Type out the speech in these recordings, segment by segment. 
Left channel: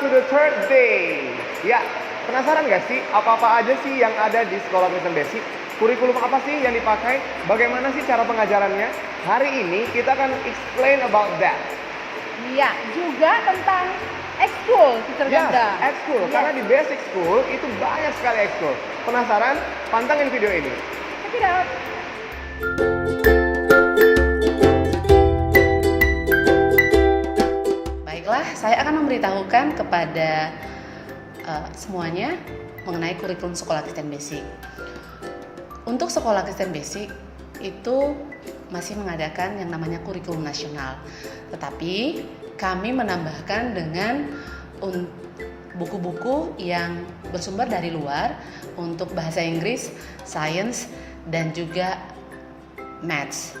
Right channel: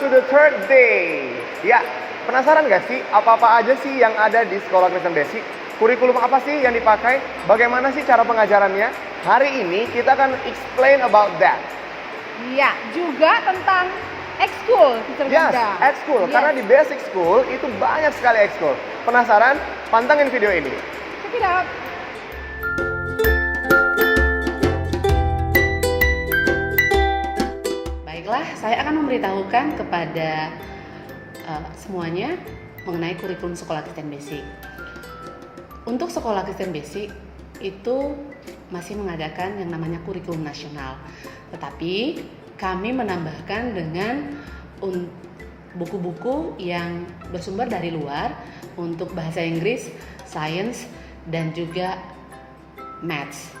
to the third day. Ya, penasaran gak sih apa-apa aja sih yang ada di Sekolah Kristen Basic? Kurikulum apa sih yang dipakai? Bagaimana sih cara pengajarannya? Hari ini kita akan explain about that. Iya, juga tentang ekskul, Teacher Yes, Bunda. ekskul. Yes. Karena di basic school itu banyak sekali ekskul. Penasaran? Pantengin video ini. Check it out. Baiklah, saya akan memberitahukan kepada semuanya mengenai kurikulum Sekolah Kristen Basic. Untuk Sekolah Kristen Basic itu masih mengadakan yang namanya kurikulum nasional. Tetapi kami menambahkan dengan buku-buku yang bersumber dari luar untuk bahasa Inggris, Science, dan juga Maths.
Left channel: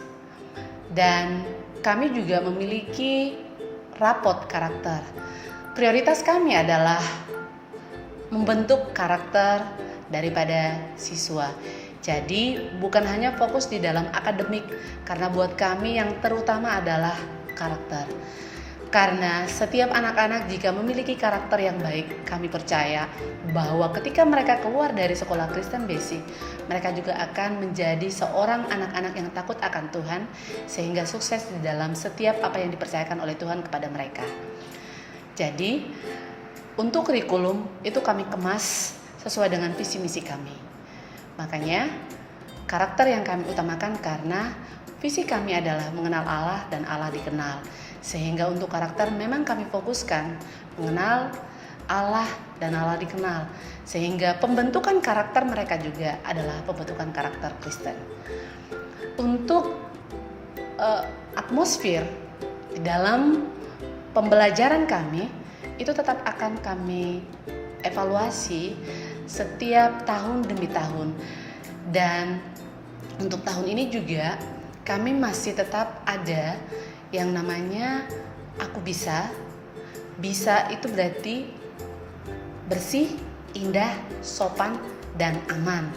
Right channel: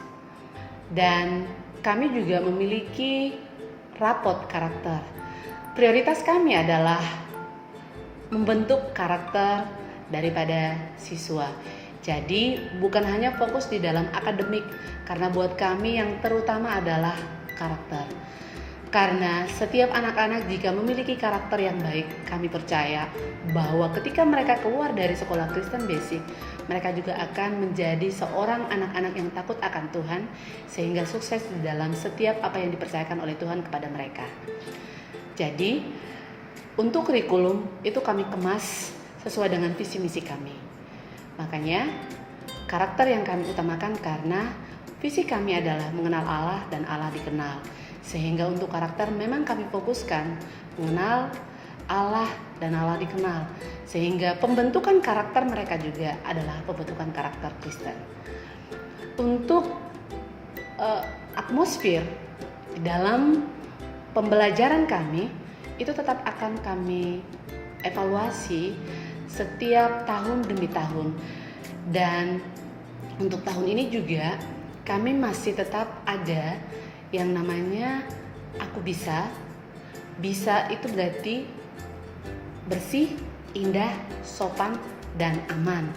Dan kami juga memiliki rapot karakter. Prioritas kami adalah membentuk karakter daripada siswa. Jadi bukan hanya fokus di dalam akademik, karena buat kami yang terutama adalah karakter. Karena setiap anak-anak jika memiliki karakter yang baik, kami percaya bahwa ketika mereka keluar dari Sekolah Kristen Basic, mereka juga akan menjadi seorang anak-anak yang takut akan Tuhan, sehingga sukses di dalam setiap apa yang dipercayakan oleh Tuhan kepada mereka. Jadi, untuk kurikulum itu kami kemas sesuai dengan visi misi kami. Makanya, karakter yang kami utamakan karena visi kami adalah mengenal Allah dan Allah dikenal. Sehingga untuk karakter memang kami fokuskan mengenal Allah dan Allah dikenal. Sehingga pembentukan karakter mereka juga adalah pembentukan karakter Kristen. Untuk atmosfer di dalam pembelajaran kami itu tetap akan kami evaluasi setiap tahun demi tahun. Dan untuk tahun ini juga kami masih tetap ada yang namanya aku bisa. Bisa itu berarti bersih, indah, sopan, dan aman.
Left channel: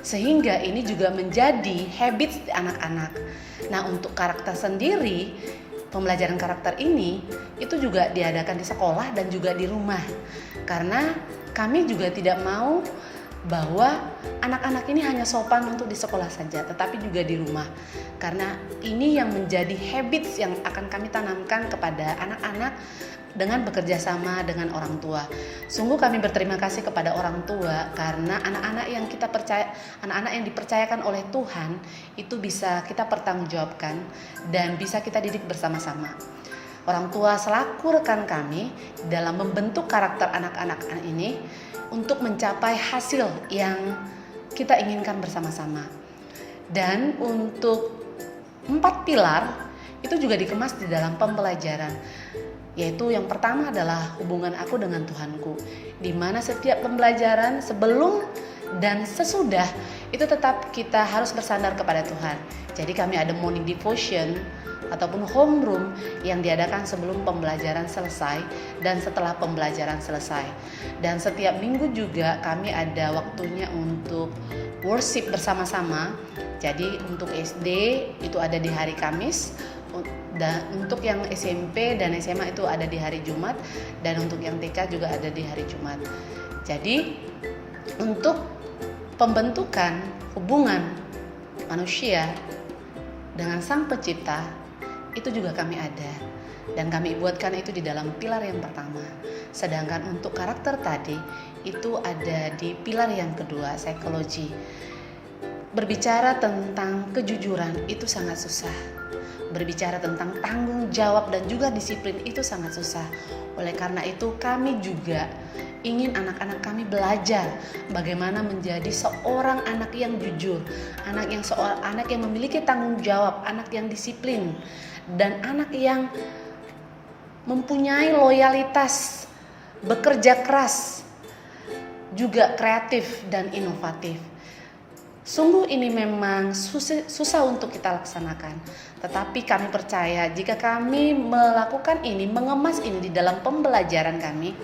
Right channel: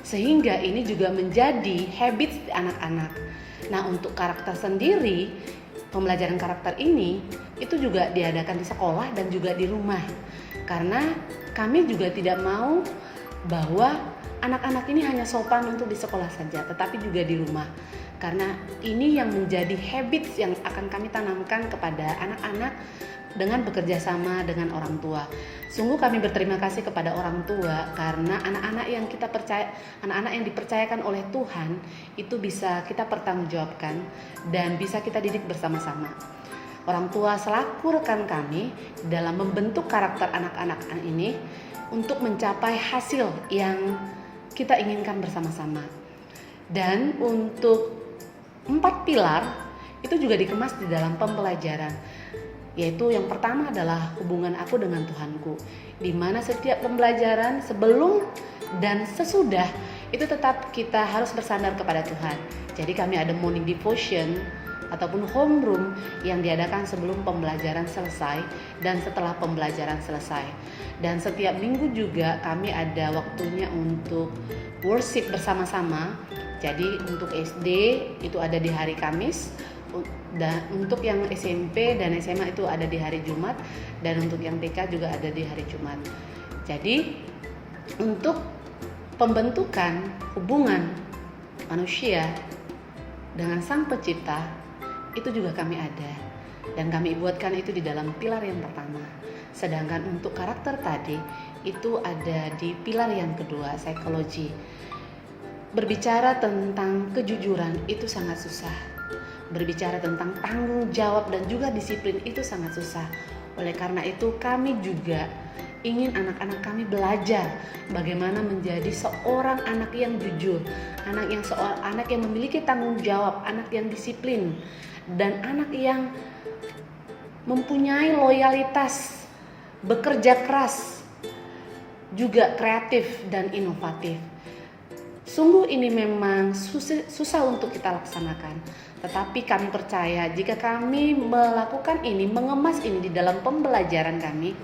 Sehingga ini juga menjadi habits di anak-anak. Nah, untuk karakter sendiri, pembelajaran karakter ini itu juga diadakan di sekolah dan juga di rumah. Karena kami juga tidak mau bahwa anak-anak ini hanya sopan untuk di sekolah saja, tetapi juga di rumah. Karena ini yang menjadi habits yang akan kami tanamkan kepada anak-anak dengan bekerja sama dengan orang tua. Sungguh kami berterima kasih kepada orang tua karena anak-anak yang kita percaya, anak-anak yang dipercayakan oleh Tuhan itu bisa kita pertanggungjawabkan dan bisa kita didik bersama-sama. Orang tua selaku rekan kami dalam membentuk karakter anak-anak ini untuk mencapai hasil yang kita inginkan bersama-sama. Dan untuk 4 pilar itu juga dikemas di dalam pembelajaran, yaitu yang pertama adalah hubungan aku dengan Tuhanku, di mana setiap pembelajaran sebelum dan sesudah itu tetap kita harus bersandar kepada Tuhan. Jadi kami ada morning devotion ataupun homeroom yang diadakan sebelum pembelajaran selesai dan setelah pembelajaran selesai. Dan setiap minggu juga kami ada waktunya untuk worship bersama-sama. Jadi untuk SD itu ada di hari Kamis, dan untuk yang SMP dan SMA itu ada di hari Jumat, dan untuk yang TK juga ada di hari Jumat. Jadi untuk pembentukan hubungan manusia dengan Sang Pencipta itu juga kami ada, dan kami buatkan itu di dalam pilar yang pertama. Sedangkan untuk karakter tadi itu ada di pilar yang kedua, psikologi. Berbicara tentang kejujuran itu sangat susah. Berbicara tentang tanggung jawab dan juga disiplin itu sangat susah. Oleh karena itu kami juga ingin anak-anak kami belajar bagaimana menjadi seorang anak yang jujur, anak yang memiliki tanggung jawab, anak yang disiplin, dan anak yang mempunyai loyalitas, bekerja keras, juga kreatif dan inovatif. Sungguh ini memang susah untuk kita laksanakan. Tetapi kami percaya jika kami melakukan ini, mengemas ini di dalam pembelajaran kami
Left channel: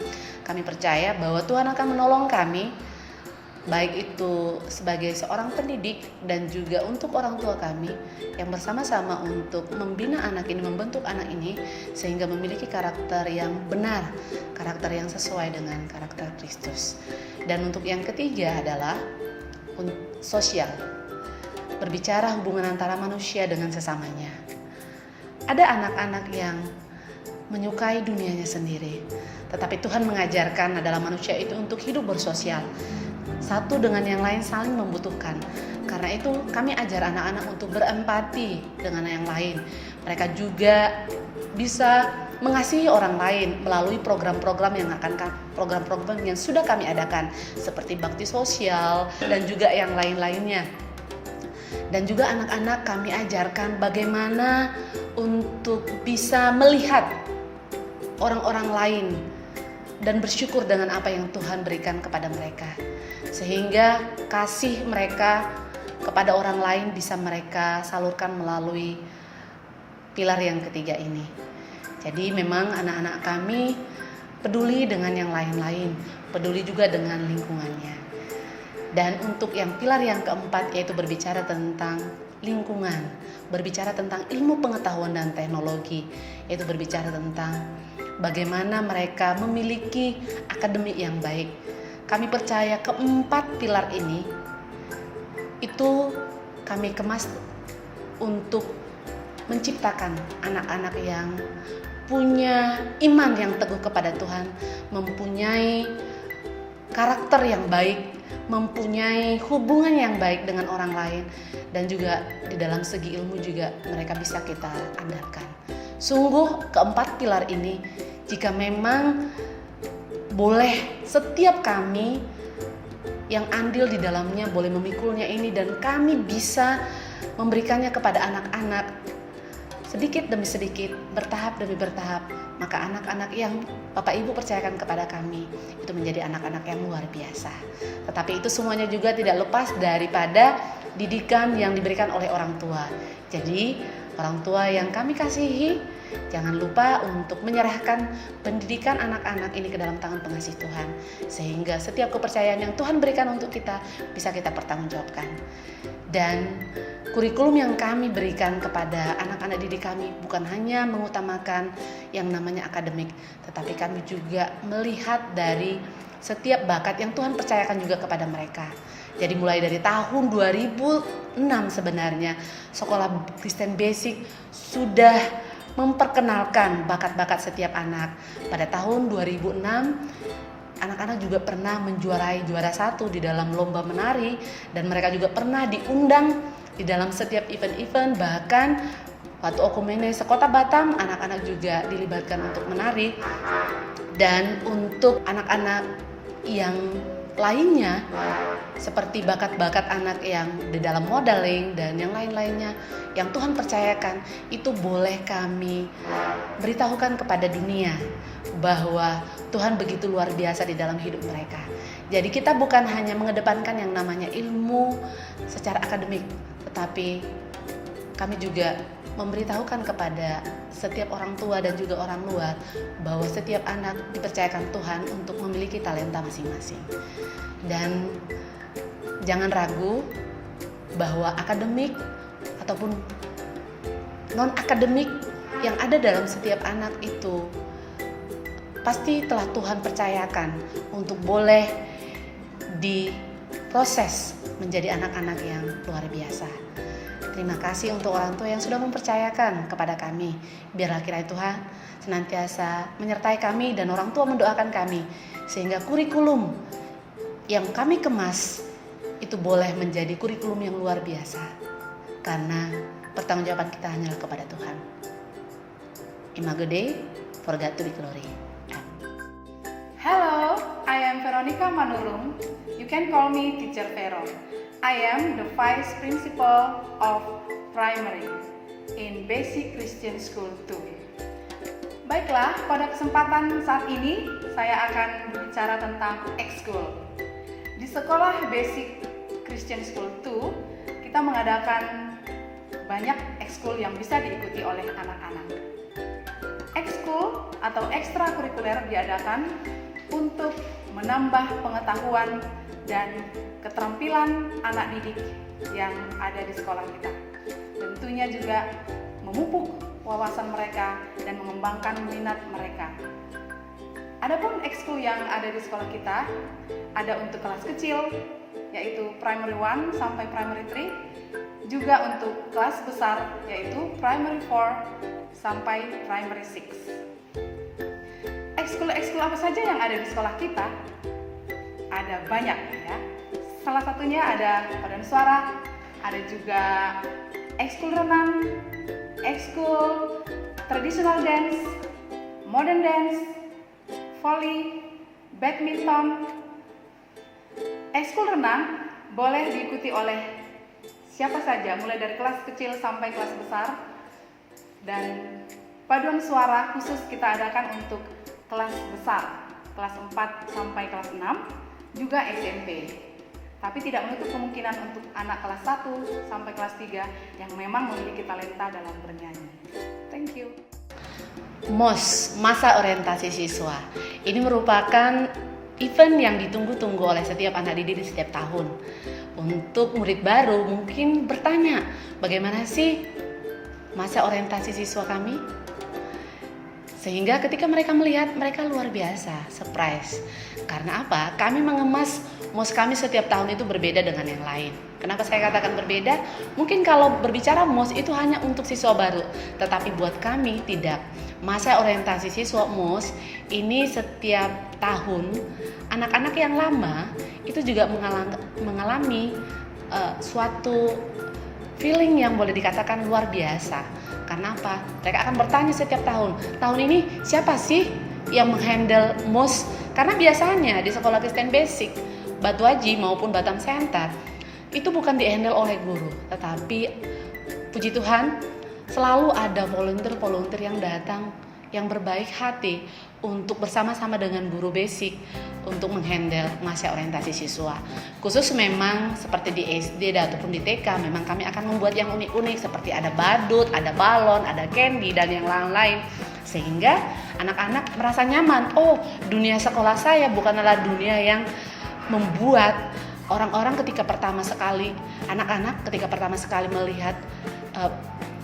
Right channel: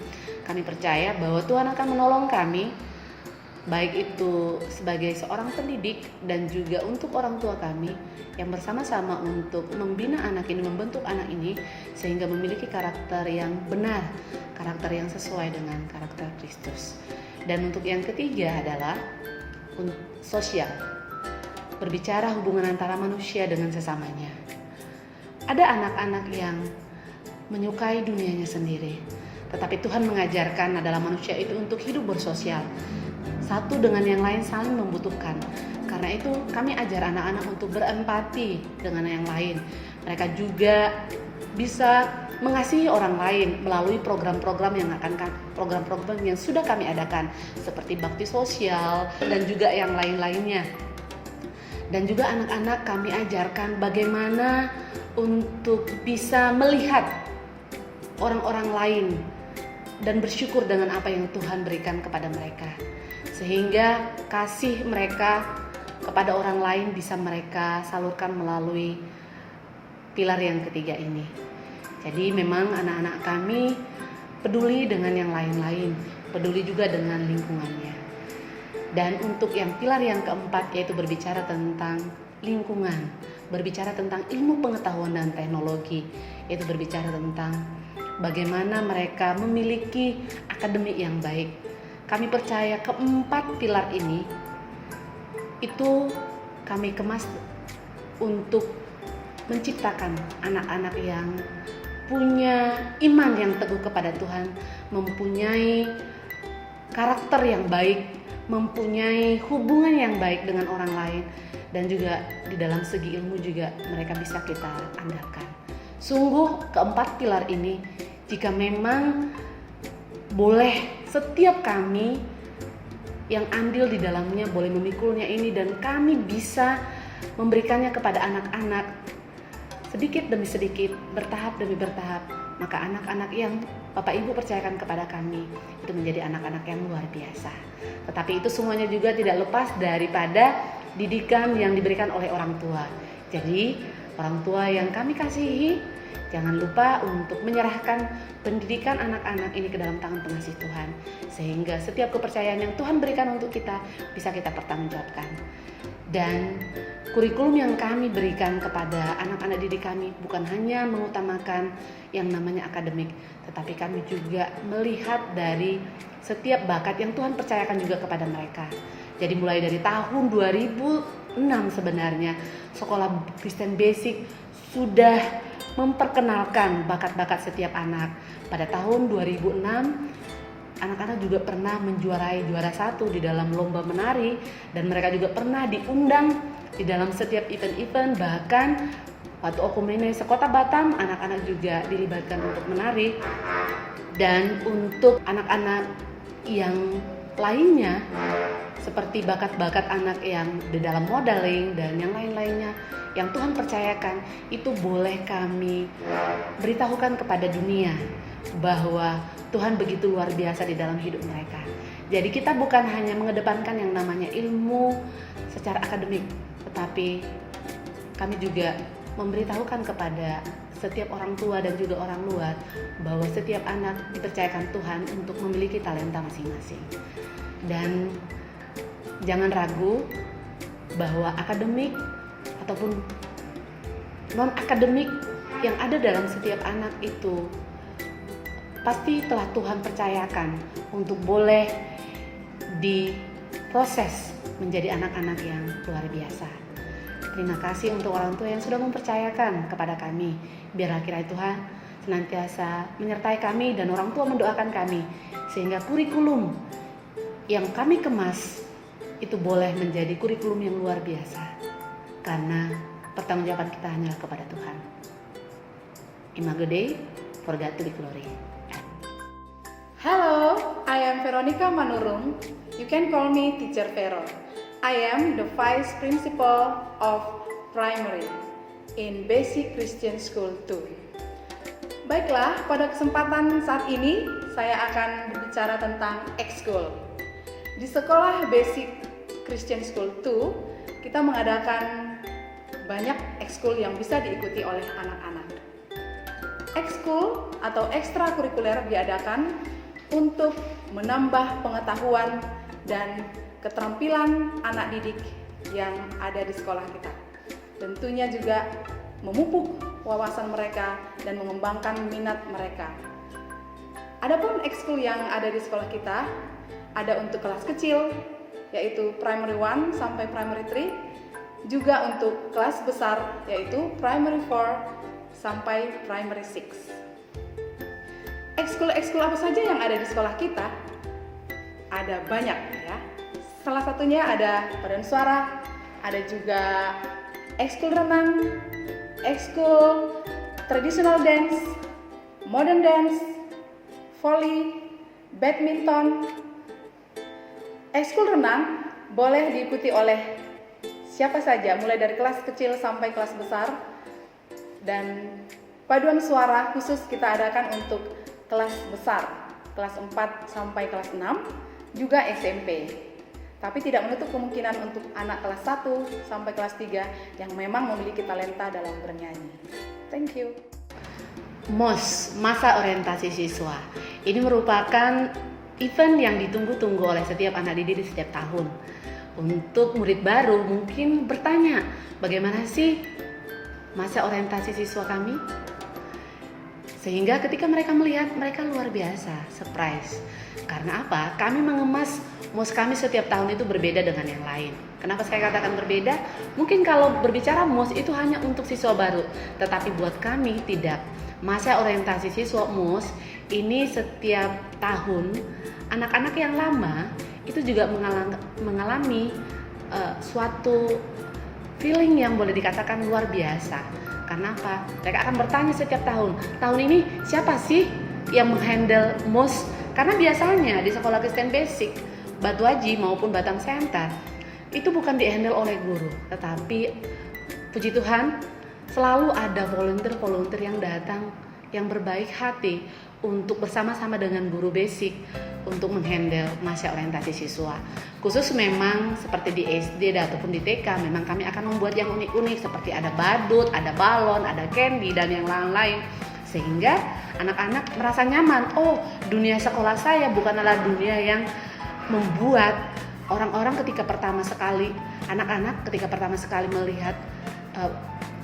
percaya bahwa Tuhan akan menolong kami baik itu sebagai seorang pendidik dan juga untuk orang tua kami yang bersama-sama untuk membina anak ini, membentuk anak ini sehingga memiliki karakter yang benar, karakter yang sesuai dengan karakter Kristus. Dan untuk yang ketiga adalah sosial, berbicara hubungan antara manusia dengan sesamanya. Ada anak-anak yang menyukai dunianya sendiri, tetapi Tuhan mengajarkan adalah manusia itu untuk hidup bersosial, satu dengan yang lain saling membutuhkan. Karena itu kami ajar anak-anak untuk berempati dengan yang lain. Mereka juga bisa mengasihi orang lain melalui program-program yang sudah kami adakan seperti bakti sosial dan juga yang lain-lainnya. Dan juga anak-anak kami ajarkan bagaimana untuk bisa melihat orang-orang lain dan bersyukur dengan apa yang Tuhan berikan kepada mereka, sehingga kasih mereka kepada orang lain bisa mereka salurkan melalui pilar yang ketiga ini. Jadi memang anak-anak kami peduli dengan yang lain-lain, peduli juga dengan lingkungannya. Dan untuk yang pilar yang keempat yaitu berbicara tentang lingkungan, berbicara tentang ilmu pengetahuan dan teknologi, yaitu berbicara tentang bagaimana mereka memiliki akademik yang baik. Kami percaya keempat pilar ini itu kami kemas untuk menciptakan anak-anak yang punya iman yang teguh kepada Tuhan, mempunyai karakter yang baik, mempunyai hubungan yang baik dengan orang lain, dan juga di dalam segi ilmu juga mereka bisa kita andalkan. Sungguh keempat pilar ini jika memang boleh setiap kami yang andil di dalamnya boleh memikulnya ini dan kami bisa memberikannya kepada anak-anak sedikit demi sedikit, bertahap demi bertahap, maka anak-anak yang Bapak Ibu percayakan kepada kami itu menjadi anak-anak yang luar biasa. Tetapi itu semuanya juga tidak lepas daripada didikan yang diberikan oleh orang tua. Jadi orang tua yang kami kasihi, jangan lupa untuk menyerahkan pendidikan anak-anak ini ke dalam tangan pengasih Tuhan, sehingga setiap kepercayaan yang Tuhan berikan untuk kita bisa kita pertanggungjawabkan. Dan kurikulum yang kami berikan kepada anak-anak didik kami bukan hanya mengutamakan yang namanya akademik, tetapi kami juga melihat dari setiap bakat yang Tuhan percayakan juga kepada mereka. Jadi mulai dari tahun 2006 sebenarnya Sekolah Kristen Basic sudah memperkenalkan bakat-bakat setiap anak. Pada tahun 2006 anak-anak juga pernah menjuarai juara 1 di dalam lomba menari, dan mereka juga pernah diundang di dalam setiap event-event. Bahkan waktu Okumene Sekota Batam, anak-anak juga dilibatkan untuk menari. Dan untuk anak-anak yang lainnya seperti bakat-bakat anak yang di dalam modeling dan yang lain-lainnya yang Tuhan percayakan, itu boleh kami beritahukan kepada dunia bahwa Tuhan begitu luar biasa di dalam hidup mereka. Jadi kita bukan hanya mengedepankan yang namanya ilmu secara akademik, tetapi kami juga memberitahukan kepada setiap orang tua dan juga orang luar bahwa setiap anak dipercayakan Tuhan untuk memiliki talenta masing-masing. Dan jangan ragu bahwa akademik ataupun non-akademik yang ada dalam setiap anak itu pasti telah Tuhan percayakan untuk boleh diproses menjadi anak-anak yang luar biasa. Terima kasih untuk orang tua yang sudah mempercayakan kepada kami. Biarlah kiranya Tuhan senantiasa menyertai kami dan orang tua mendoakan kami, sehingga kurikulum yang kami kemas itu boleh menjadi kurikulum yang luar biasa, karena pertanggungjawaban kita hanyalah kepada Tuhan. Imago Dei, for God to be glory. Hello, I am Veronica Manurung. You can call me Teacher Vero. I am the Vice Principal of Primary in Basic Christian School 2. Baiklah, pada kesempatan saat ini saya akan berbicara tentang ekskul. Di Sekolah Basic Christian School 2, kita mengadakan banyak ekskul yang bisa diikuti oleh anak-anak. Ekskul atau ekstrakurikuler diadakan untuk menambah pengetahuan dan keterampilan anak didik yang ada di sekolah kita. Tentunya juga memupuk wawasan mereka dan mengembangkan minat mereka. Adapun ekskul yang ada di sekolah kita, ada untuk kelas kecil, yaitu primary 1 sampai primary 3, juga untuk kelas besar, yaitu primary 4 sampai primary 6. Ekskul apa saja yang ada di sekolah kita? Ada banyak ya. Salah satunya ada paduan suara, ada juga ekskul renang, ekskul traditional dance, modern dance, volley, badminton. Ekskul renang boleh diikuti oleh siapa saja, mulai dari kelas kecil sampai kelas besar. Dan paduan suara khusus kita adakan untuk kelas besar, kelas 4 sampai kelas 6, juga SMP. Tapi tidak menutup kemungkinan untuk anak kelas 1 sampai kelas 3 yang memang memiliki talenta dalam bernyanyi. Thank you. MOS, Masa Orientasi Siswa. Ini merupakan event yang ditunggu-tunggu oleh setiap anak didik di setiap tahun. Untuk murid baru mungkin bertanya, bagaimana sih masa orientasi siswa kami? Sehingga ketika mereka melihat, mereka luar biasa, surprise. Karena apa? Kami mengemas MOS kami setiap tahun itu berbeda dengan yang lain. Kenapa saya katakan berbeda? Mungkin kalau berbicara MOS itu hanya untuk siswa baru, tetapi buat kami tidak. Masa orientasi siswa MOS ini setiap tahun anak-anak yang lama itu juga mengalami suatu feeling yang boleh dikatakan luar biasa. Karena apa? Mereka akan bertanya setiap tahun ini siapa sih yang menghandle MOS? Karena biasanya di sekolah Kristen Basic, Batu Haji maupun Batam Center itu bukan dihandle oleh guru, tetapi puji Tuhan selalu ada volunteer yang datang yang berbaik hati untuk bersama-sama dengan guru basic untuk menghandle masa orientasi siswa. Khusus memang seperti di SD ataupun di TK, memang kami akan membuat yang unik-unik seperti ada badut, ada balon, ada candy dan yang lain-lain. Sehingga anak-anak merasa nyaman. Oh, dunia sekolah saya bukanlah dunia yang membuat orang-orang ketika pertama sekali, anak-anak ketika pertama sekali melihat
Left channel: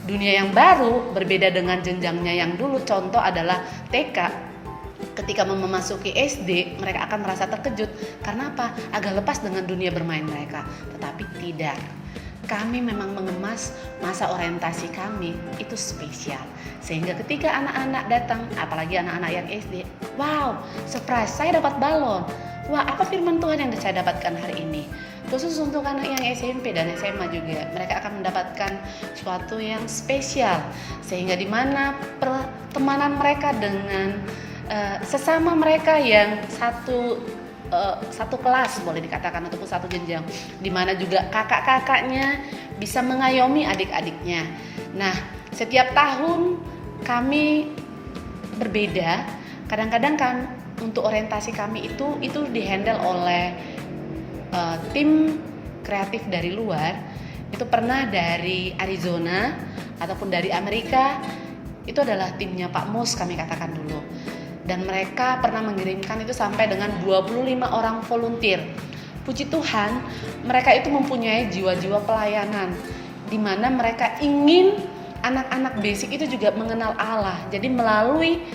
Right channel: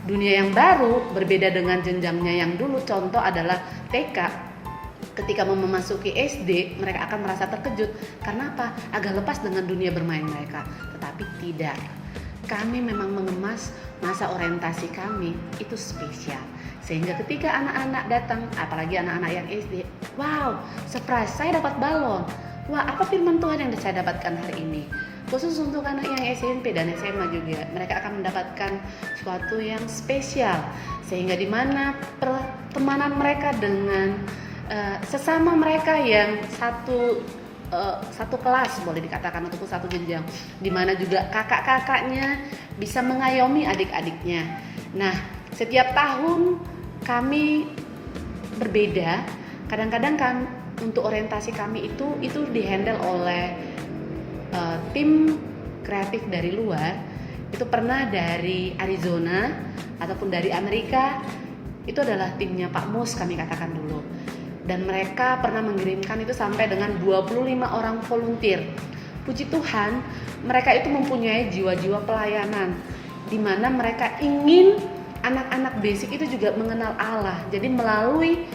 dunia yang baru berbeda dengan jenjangnya yang dulu. Contoh adalah TK. Ketika memasuki SD, mereka akan merasa terkejut. Karena apa? Agak lepas dengan dunia bermain mereka. Tetapi tidak. Kami memang mengemas masa orientasi kami itu spesial. Sehingga ketika anak-anak datang, apalagi anak-anak yang SD, wow, surprise, saya dapat balon. Wah, apa firman Tuhan yang saya dapatkan hari ini? Khusus untuk anak yang SMP dan SMA juga, mereka akan mendapatkan sesuatu yang spesial. Sehingga di mana pertemanan mereka dengan sesama mereka yang satu kelas boleh dikatakan ataupun satu jenjang, di mana juga kakak-kakaknya bisa mengayomi adik-adiknya. Nah, setiap tahun kami berbeda. Kadang-kadang kan untuk orientasi kami itu dihandle oleh tim kreatif dari luar. Itu pernah dari Arizona ataupun dari Amerika. Itu adalah timnya Pak Mus, kami katakan dulu. Dan mereka pernah mengirimkan itu sampai dengan 25 orang volunteer. Puji Tuhan, mereka itu mempunyai jiwa-jiwa pelayanan, di mana mereka ingin anak-anak basic itu juga mengenal Allah. Jadi melalui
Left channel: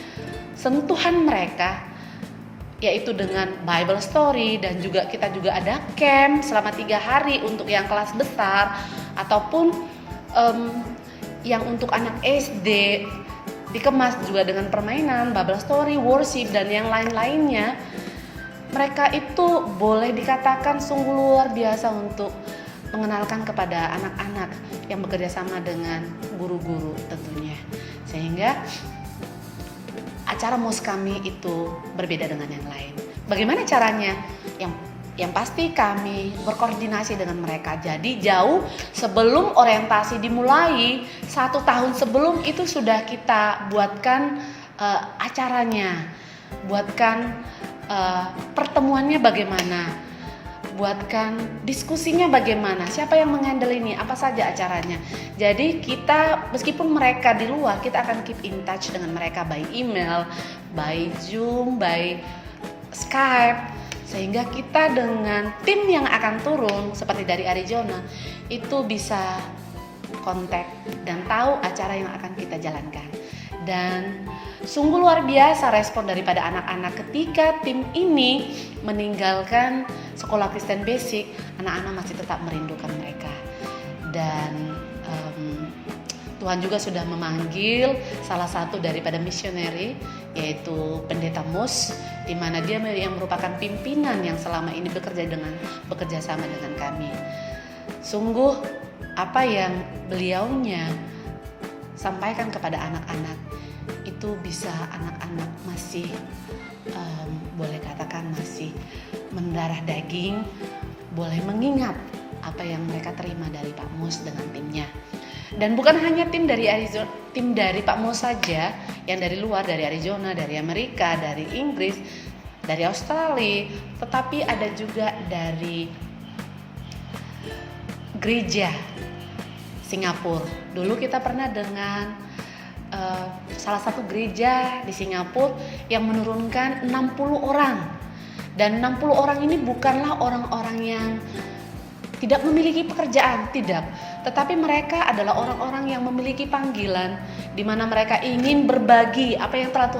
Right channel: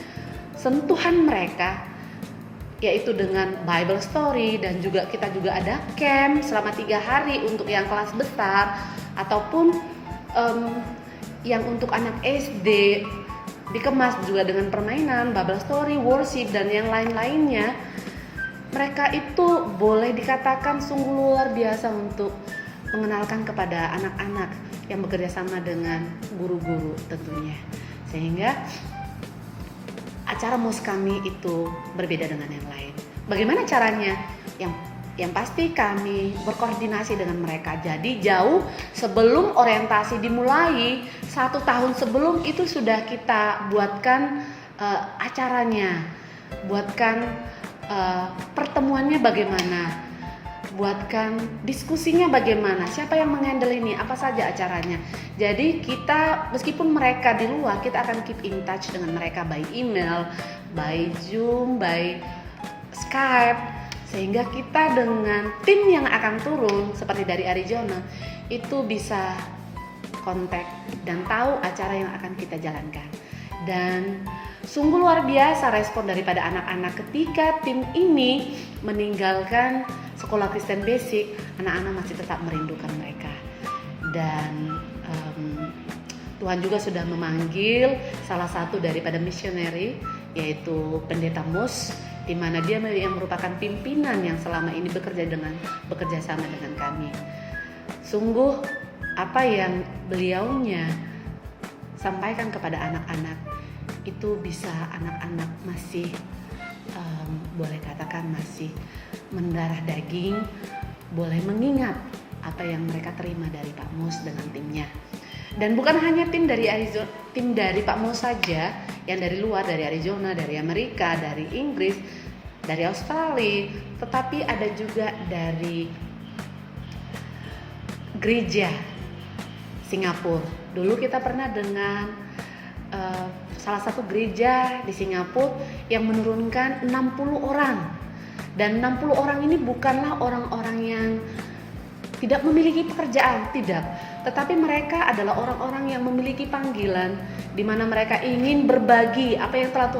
sentuhan mereka, yaitu dengan Bible story, dan juga kita juga ada camp selama 3 hari untuk yang kelas besar, ataupun yang untuk anak SD, dikemas juga dengan permainan, Bible story, worship, dan yang lain-lainnya. Mereka itu boleh dikatakan sungguh luar biasa untuk mengenalkan kepada anak-anak yang bekerja sama dengan guru-guru tentunya. Sehingga acara MOS kami itu berbeda dengan yang lain. Bagaimana caranya? Yang pasti kami berkoordinasi dengan mereka. Jadi jauh sebelum orientasi dimulai, 1 tahun sebelum itu sudah kita buatkan acaranya, buatkan pertemuannya bagaimana, buatkan diskusinya bagaimana, siapa yang menghandle ini, apa saja acaranya. Jadi kita meskipun mereka di luar, kita akan keep in touch dengan mereka by email, by Zoom, by Skype. sehingga kita dengan tim yang akan turun seperti dari Arizona itu bisa kontak dan tahu acara yang akan kita jalankan. Dan sungguh luar biasa respon daripada anak-anak ketika tim ini meninggalkan sekolah Kristen Basic. Anak-anak masih tetap merindukan mereka. Dan Tuhan juga sudah memanggil salah satu daripada misioneri, yaitu Pendeta Mus, di mana dia yang merupakan pimpinan yang selama ini bekerja sama dengan kami. Sungguh apa yang beliaunya sampaikan kepada anak-anak itu bisa anak-anak masih boleh katakan masih mendarah daging, boleh mengingat apa yang mereka terima dari Pak Mus dengan timnya. Dan bukan hanya tim dari Arizona, tim dari Pak Mus saja, yang dari luar, dari Arizona, dari Amerika, dari Inggris, dari Australia, tetapi ada juga dari gereja Singapura. Dulu kita pernah dengan salah satu gereja di Singapura yang menurunkan 60 orang. Dan 60 orang ini bukanlah orang-orang yang tidak memiliki pekerjaan, tidak. Tetapi mereka adalah orang-orang yang memiliki panggilan, di mana mereka ingin berbagi apa yang telah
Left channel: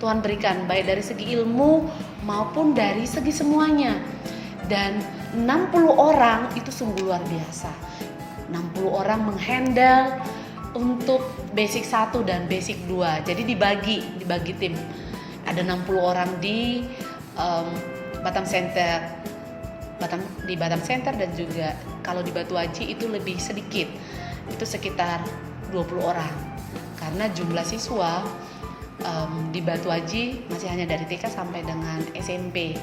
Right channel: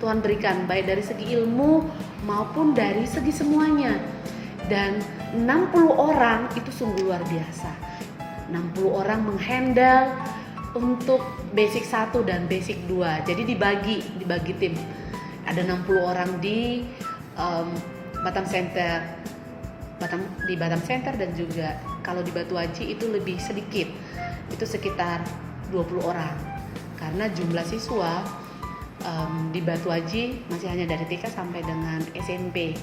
Tuhan berikan, baik dari segi ilmu maupun dari segi semuanya. Dan 60 orang itu sungguh luar biasa. 60 orang menghandle untuk basic 1 dan basic 2. Jadi dibagi tim. Ada 60 orang di Batam Center dan juga kalau di Batu Haji itu lebih sedikit. Itu sekitar 20 orang. Karena jumlah siswa di Batu Haji masih hanya dari TK sampai dengan SMP.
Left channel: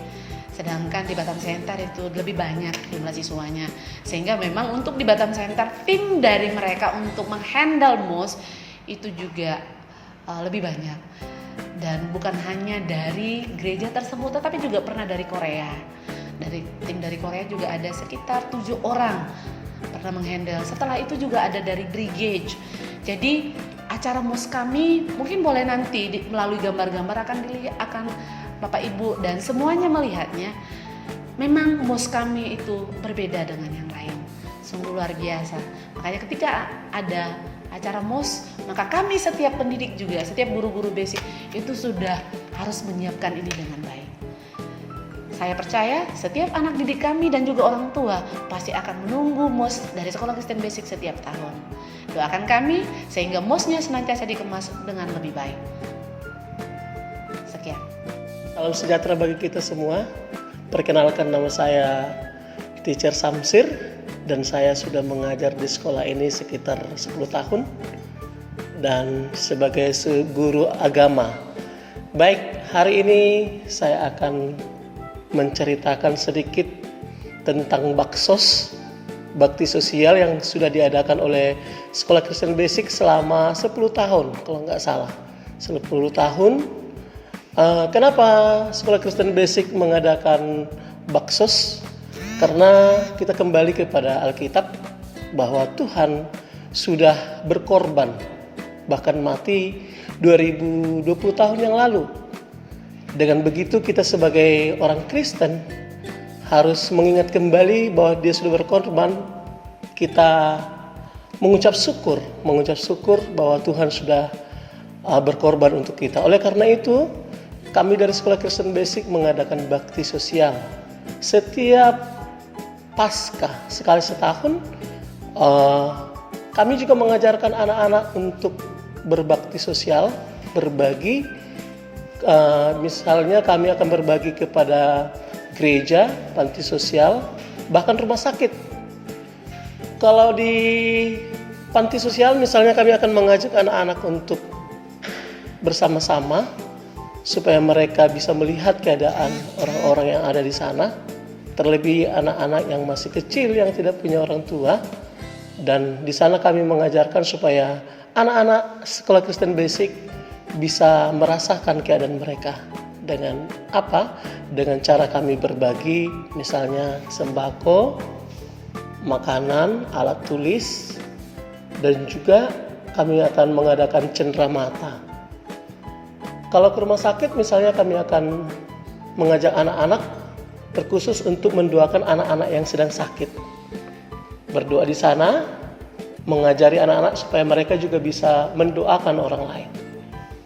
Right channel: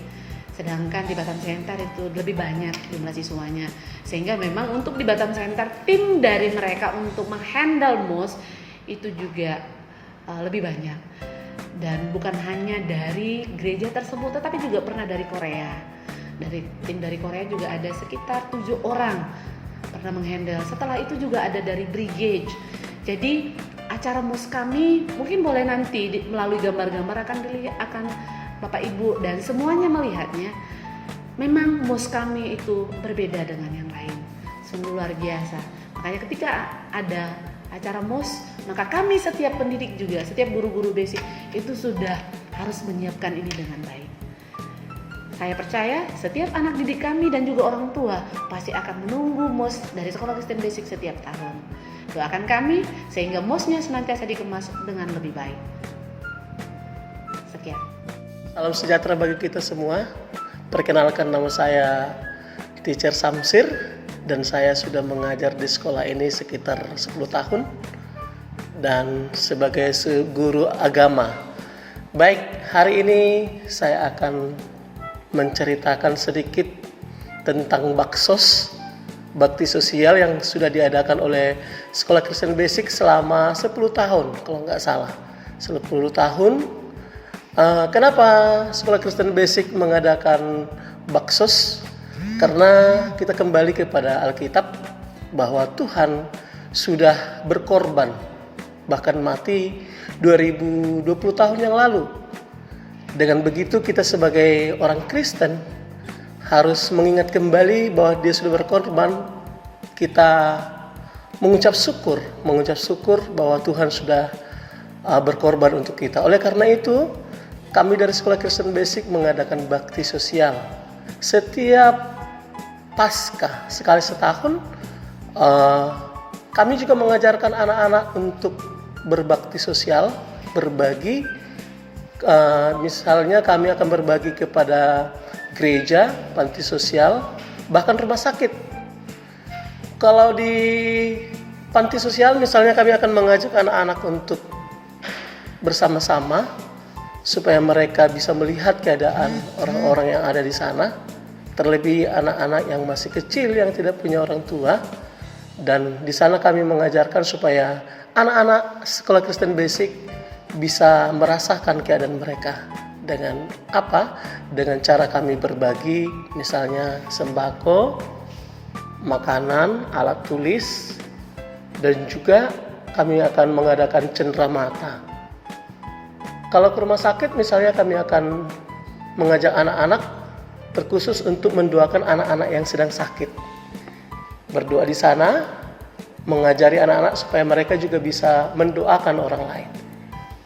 Sedangkan di Batam Center itu lebih banyak jumlah siswanya. Sehingga memang untuk di Batam Center tim dari mereka untuk menghandle MOS itu juga lebih banyak. Dan bukan hanya dari gereja tersebut, tetapi juga pernah dari Korea. Tim dari Korea juga ada sekitar 7 orang pernah menghandle. Setelah itu juga ada dari Brigade. Jadi acara MOS kami mungkin boleh nanti melalui gambar-gambar akan dilihat, akan Bapak Ibu dan semuanya melihatnya. Memang MOS kami itu berbeda dengan yang lain. Sungguh luar biasa. Makanya ketika ada acara MOS, maka kami setiap pendidik juga, setiap guru-guru basic itu sudah harus menyiapkan ini dengan baik. Saya percaya setiap anak didik kami dan juga orang tua pasti akan menunggu MOS dari Sekolah Kristen Basic setiap tahun. Doakan kami sehingga MOS-nya senantiasa dikemas dengan lebih baik. Sekian. Salam sejahtera bagi kita semua. Perkenalkan, nama saya Teacher Samsir dan saya sudah mengajar di sekolah ini sekitar 10 tahun dan sebagai guru agama. Baik, hari ini saya akan menceritakan sedikit tentang baksos, bakti sosial yang sudah diadakan oleh Sekolah Kristen Basic selama 10 tahun kalau nggak salah. 10 tahun. Kenapa Sekolah Kristen Basic mengadakan baksos? Karena kita kembali kepada Alkitab bahwa Tuhan sudah berkorban, bahkan mati 2020 tahun yang lalu. Dengan begitu kita sebagai orang Kristen harus mengingat kembali bahwa Dia sudah berkorban. Kita mengucap syukur bahwa Tuhan sudah berkorban untuk kita. Oleh karena itu, kami dari Sekolah Kristen Basic mengadakan bakti sosial. Setiap Paskah sekali setahun, kami juga mengajarkan anak-anak untuk berbakti sosial, berbagi. Misalnya kami akan berbagi kepada gereja, panti sosial, bahkan rumah sakit. Kalau di panti sosial misalnya kami akan mengajak anak-anak untuk bersama-sama supaya mereka bisa melihat keadaan orang-orang yang ada di sana. Terlebih anak-anak yang masih kecil yang tidak punya orang tua. Dan di sana kami mengajarkan supaya anak-anak Sekolah Kristen Basic bisa merasakan keadaan mereka. Dengan apa? Dengan cara kami berbagi, misalnya sembako, makanan, alat tulis, dan juga kami akan mengadakan cenderamata. Kalau ke rumah sakit misalnya kami akan mengajak anak-anak terkhusus untuk mendoakan anak-anak yang sedang sakit. Berdoa di sana, mengajari anak-anak supaya mereka juga bisa mendoakan orang lain.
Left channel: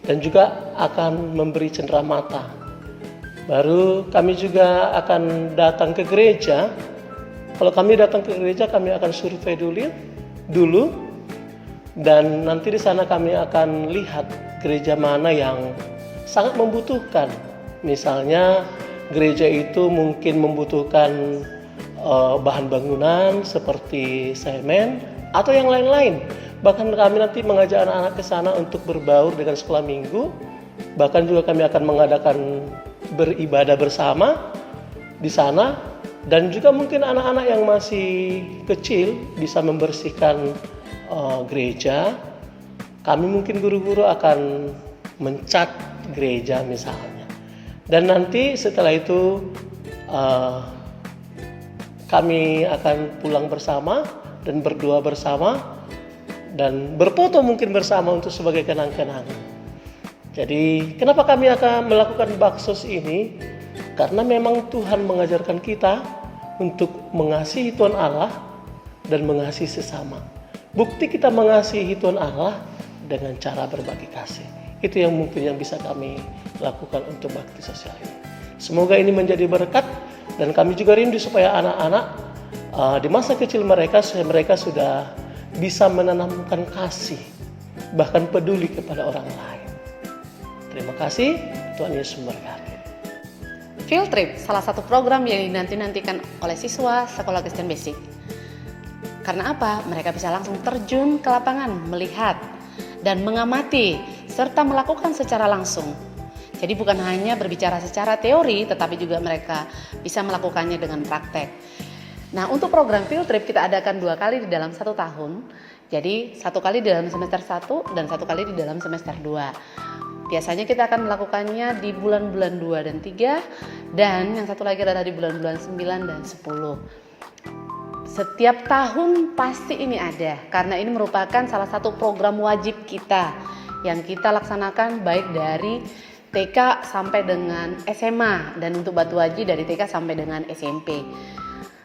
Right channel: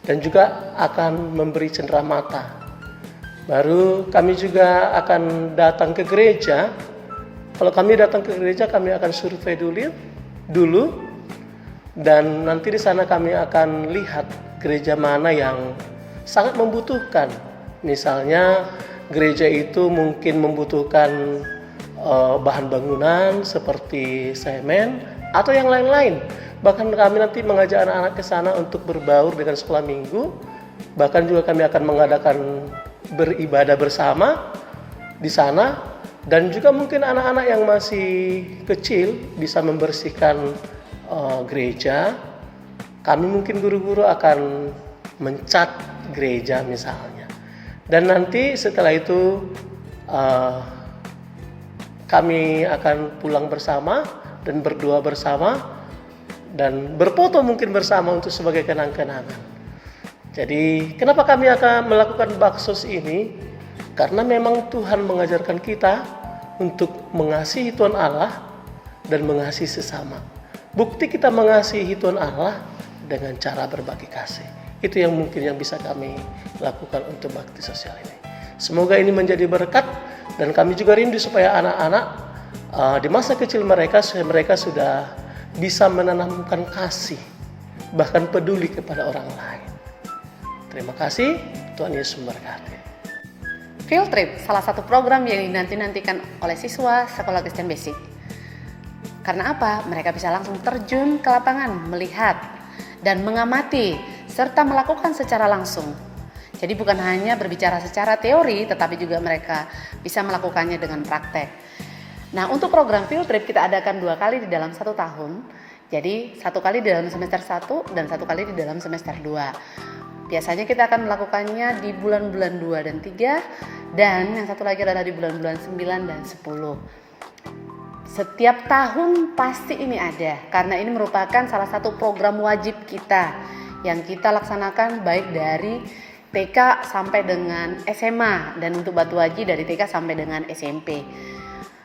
Dan juga akan memberi cenderamata. Baru kami juga akan datang ke gereja. Kalau kami datang ke gereja, kami akan survei dulu. Dan nanti di sana kami akan lihat gereja mana yang sangat membutuhkan. Misalnya gereja itu mungkin membutuhkan bahan bangunan seperti semen atau yang lain-lain. Bahkan kami nanti mengajak anak-anak ke sana untuk berbaur dengan sekolah minggu. Bahkan juga kami akan mengadakan beribadah bersama di sana. Dan juga mungkin anak-anak yang masih kecil bisa membersihkan gereja. Kami mungkin guru-guru akan mencat gereja misalnya. Dan nanti setelah itu kami akan pulang bersama dan berdoa bersama. Dan berfoto mungkin bersama untuk sebagai kenang-kenangan. Jadi kenapa kami akan melakukan baksos ini? Karena memang Tuhan mengajarkan kita untuk mengasihi Tuhan Allah dan mengasihi sesama. Bukti kita mengasihi Tuhan Allah dengan cara berbagi kasih. Itu yang mungkin yang bisa kami lakukan untuk bakti sosial ini. Semoga ini menjadi berkat dan kami juga rindu supaya anak-anak di masa kecil mereka sudah bisa menanamkan kasih, bahkan peduli kepada orang lain. Terima kasih, Tuhan Yesus memberkati. Field trip, salah satu program yang dinanti-nantikan oleh siswa Sekolah Kristen Basic. Karena apa? Mereka bisa langsung terjun ke lapangan, melihat dan mengamati, serta melakukan secara langsung. Jadi bukan hanya berbicara secara teori, tetapi juga mereka bisa melakukannya dengan praktek. Nah, untuk program field trip kita adakan 2 kali di dalam 1 tahun. Jadi 1 kali di dalam semester 1 dan 1 kali di dalam semester 2. Biasanya kita akan melakukannya di bulan-bulan 2 dan 3. Dan yang satu lagi adalah di bulan-bulan 9 dan 10. Setiap tahun pasti ini ada. Karena ini merupakan salah satu program wajib kita. Yang kita laksanakan baik dari TK sampai dengan SMA. Dan untuk Batu Haji dari TK sampai dengan SMP.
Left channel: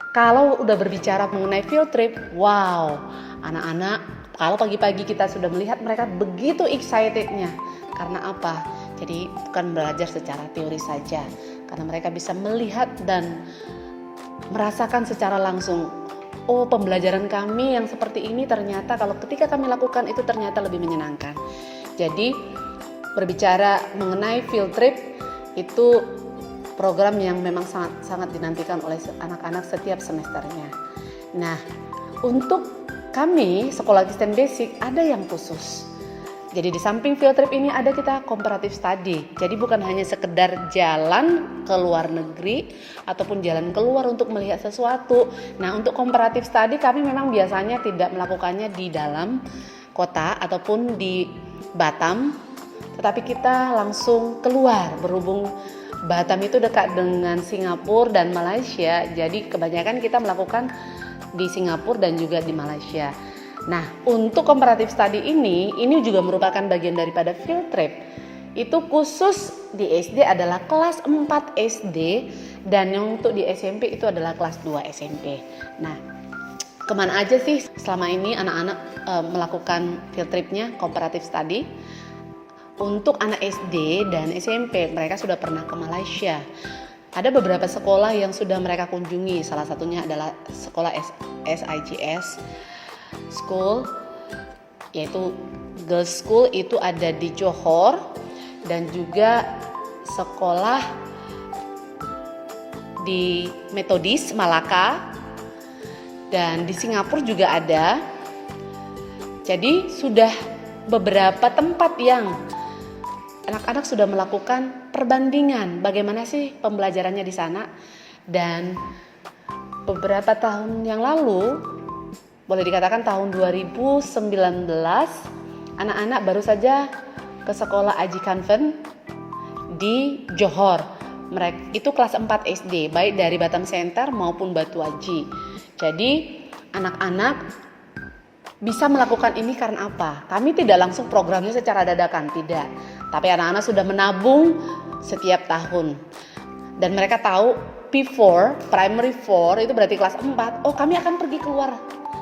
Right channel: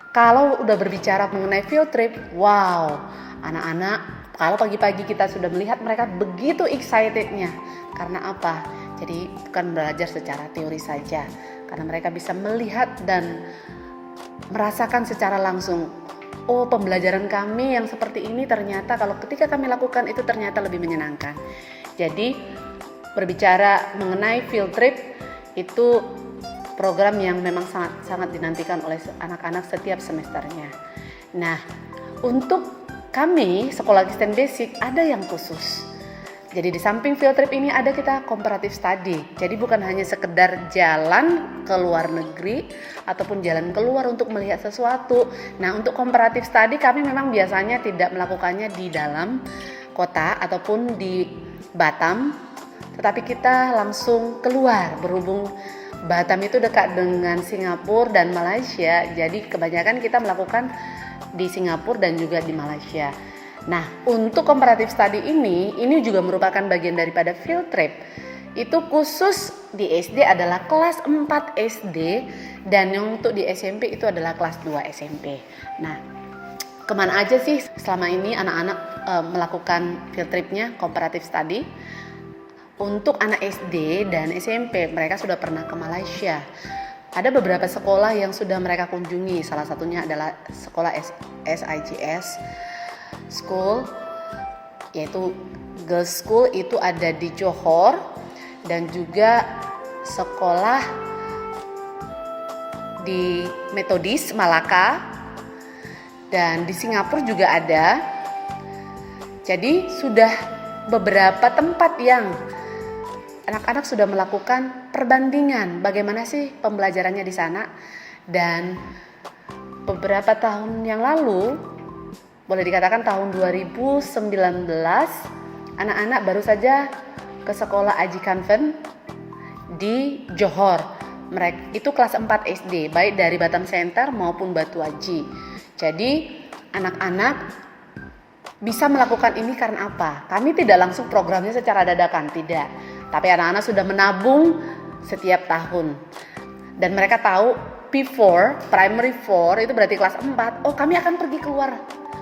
Kalau udah berbicara mengenai field trip, wow, anak-anak kalau pagi-pagi kita sudah melihat mereka begitu excitednya. Karena apa? Jadi bukan belajar secara teori saja. Karena mereka bisa melihat dan merasakan secara langsung. Oh, pembelajaran kami yang seperti ini ternyata kalau ketika kami lakukan itu ternyata lebih menyenangkan. Jadi berbicara mengenai field trip itu program yang memang sangat dinantikan oleh anak-anak setiap semesternya. Nah, untuk kami Sekolah Kristen Basic ada yang khusus. Jadi di samping field trip ini ada kita comparative study. Jadi bukan hanya sekedar jalan ke luar negeri ataupun jalan keluar untuk melihat sesuatu. Nah, untuk comparative study kami memang biasanya tidak melakukannya di dalam kota ataupun di Batam, tetapi kita langsung keluar berhubung Batam itu dekat dengan Singapura dan Malaysia, jadi kebanyakan kita melakukan di Singapura dan juga di Malaysia. Nah, untuk comparative study ini juga merupakan bagian daripada field trip. Itu khusus di SD adalah kelas 4 SD dan yang untuk di SMP itu adalah kelas 2 SMP. Nah, kemana aja sih selama ini anak-anak melakukan field tripnya comparative study? Untuk anak SD dan SMP mereka sudah pernah ke Malaysia. Ada beberapa sekolah yang sudah mereka kunjungi. Salah satunya adalah sekolah SIGS School, yaitu Girls School itu ada di Johor, dan juga sekolah di Metodis Malaka, dan di Singapura juga ada. Jadi sudah beberapa tempat yang anak-anak sudah melakukan perbandingan bagaimana sih pembelajarannya di sana. Dan beberapa tahun yang lalu, boleh dikatakan tahun 2019, anak-anak baru saja ke sekolah Aji Convent di Johor. Mereka itu kelas 4 SD, baik dari Batam Center maupun Batu Haji. Jadi anak-anak bisa melakukan ini karena apa? Kami tidak langsung programnya secara dadakan, tidak. Tapi anak-anak sudah menabung setiap tahun. Dan mereka tahu P4, primary 4 itu berarti kelas 4. Oh, kami akan pergi keluar.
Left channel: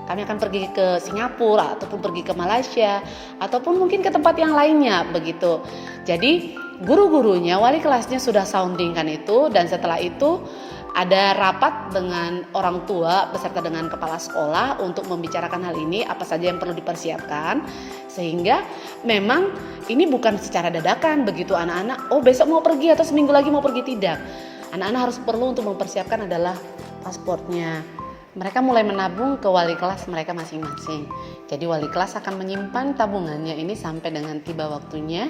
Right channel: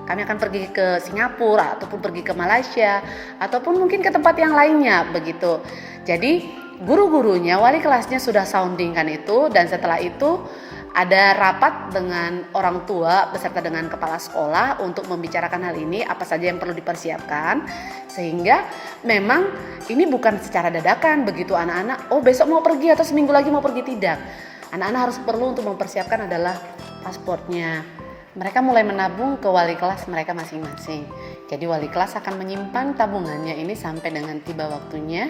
Kami akan pergi ke Singapura ataupun pergi ke Malaysia ataupun mungkin ke tempat yang lainnya begitu. Jadi guru-gurunya, wali kelasnya sudah soundingkan itu, dan setelah itu ada rapat dengan orang tua beserta dengan kepala sekolah untuk membicarakan hal ini, apa saja yang perlu dipersiapkan, sehingga memang ini bukan secara dadakan begitu anak-anak, oh besok mau pergi atau seminggu lagi mau pergi, tidak. Anak-anak harus perlu untuk mempersiapkan adalah pasportnya. Mereka mulai menabung ke wali kelas mereka masing-masing. Jadi wali kelas akan menyimpan tabungannya ini sampai dengan tiba waktunya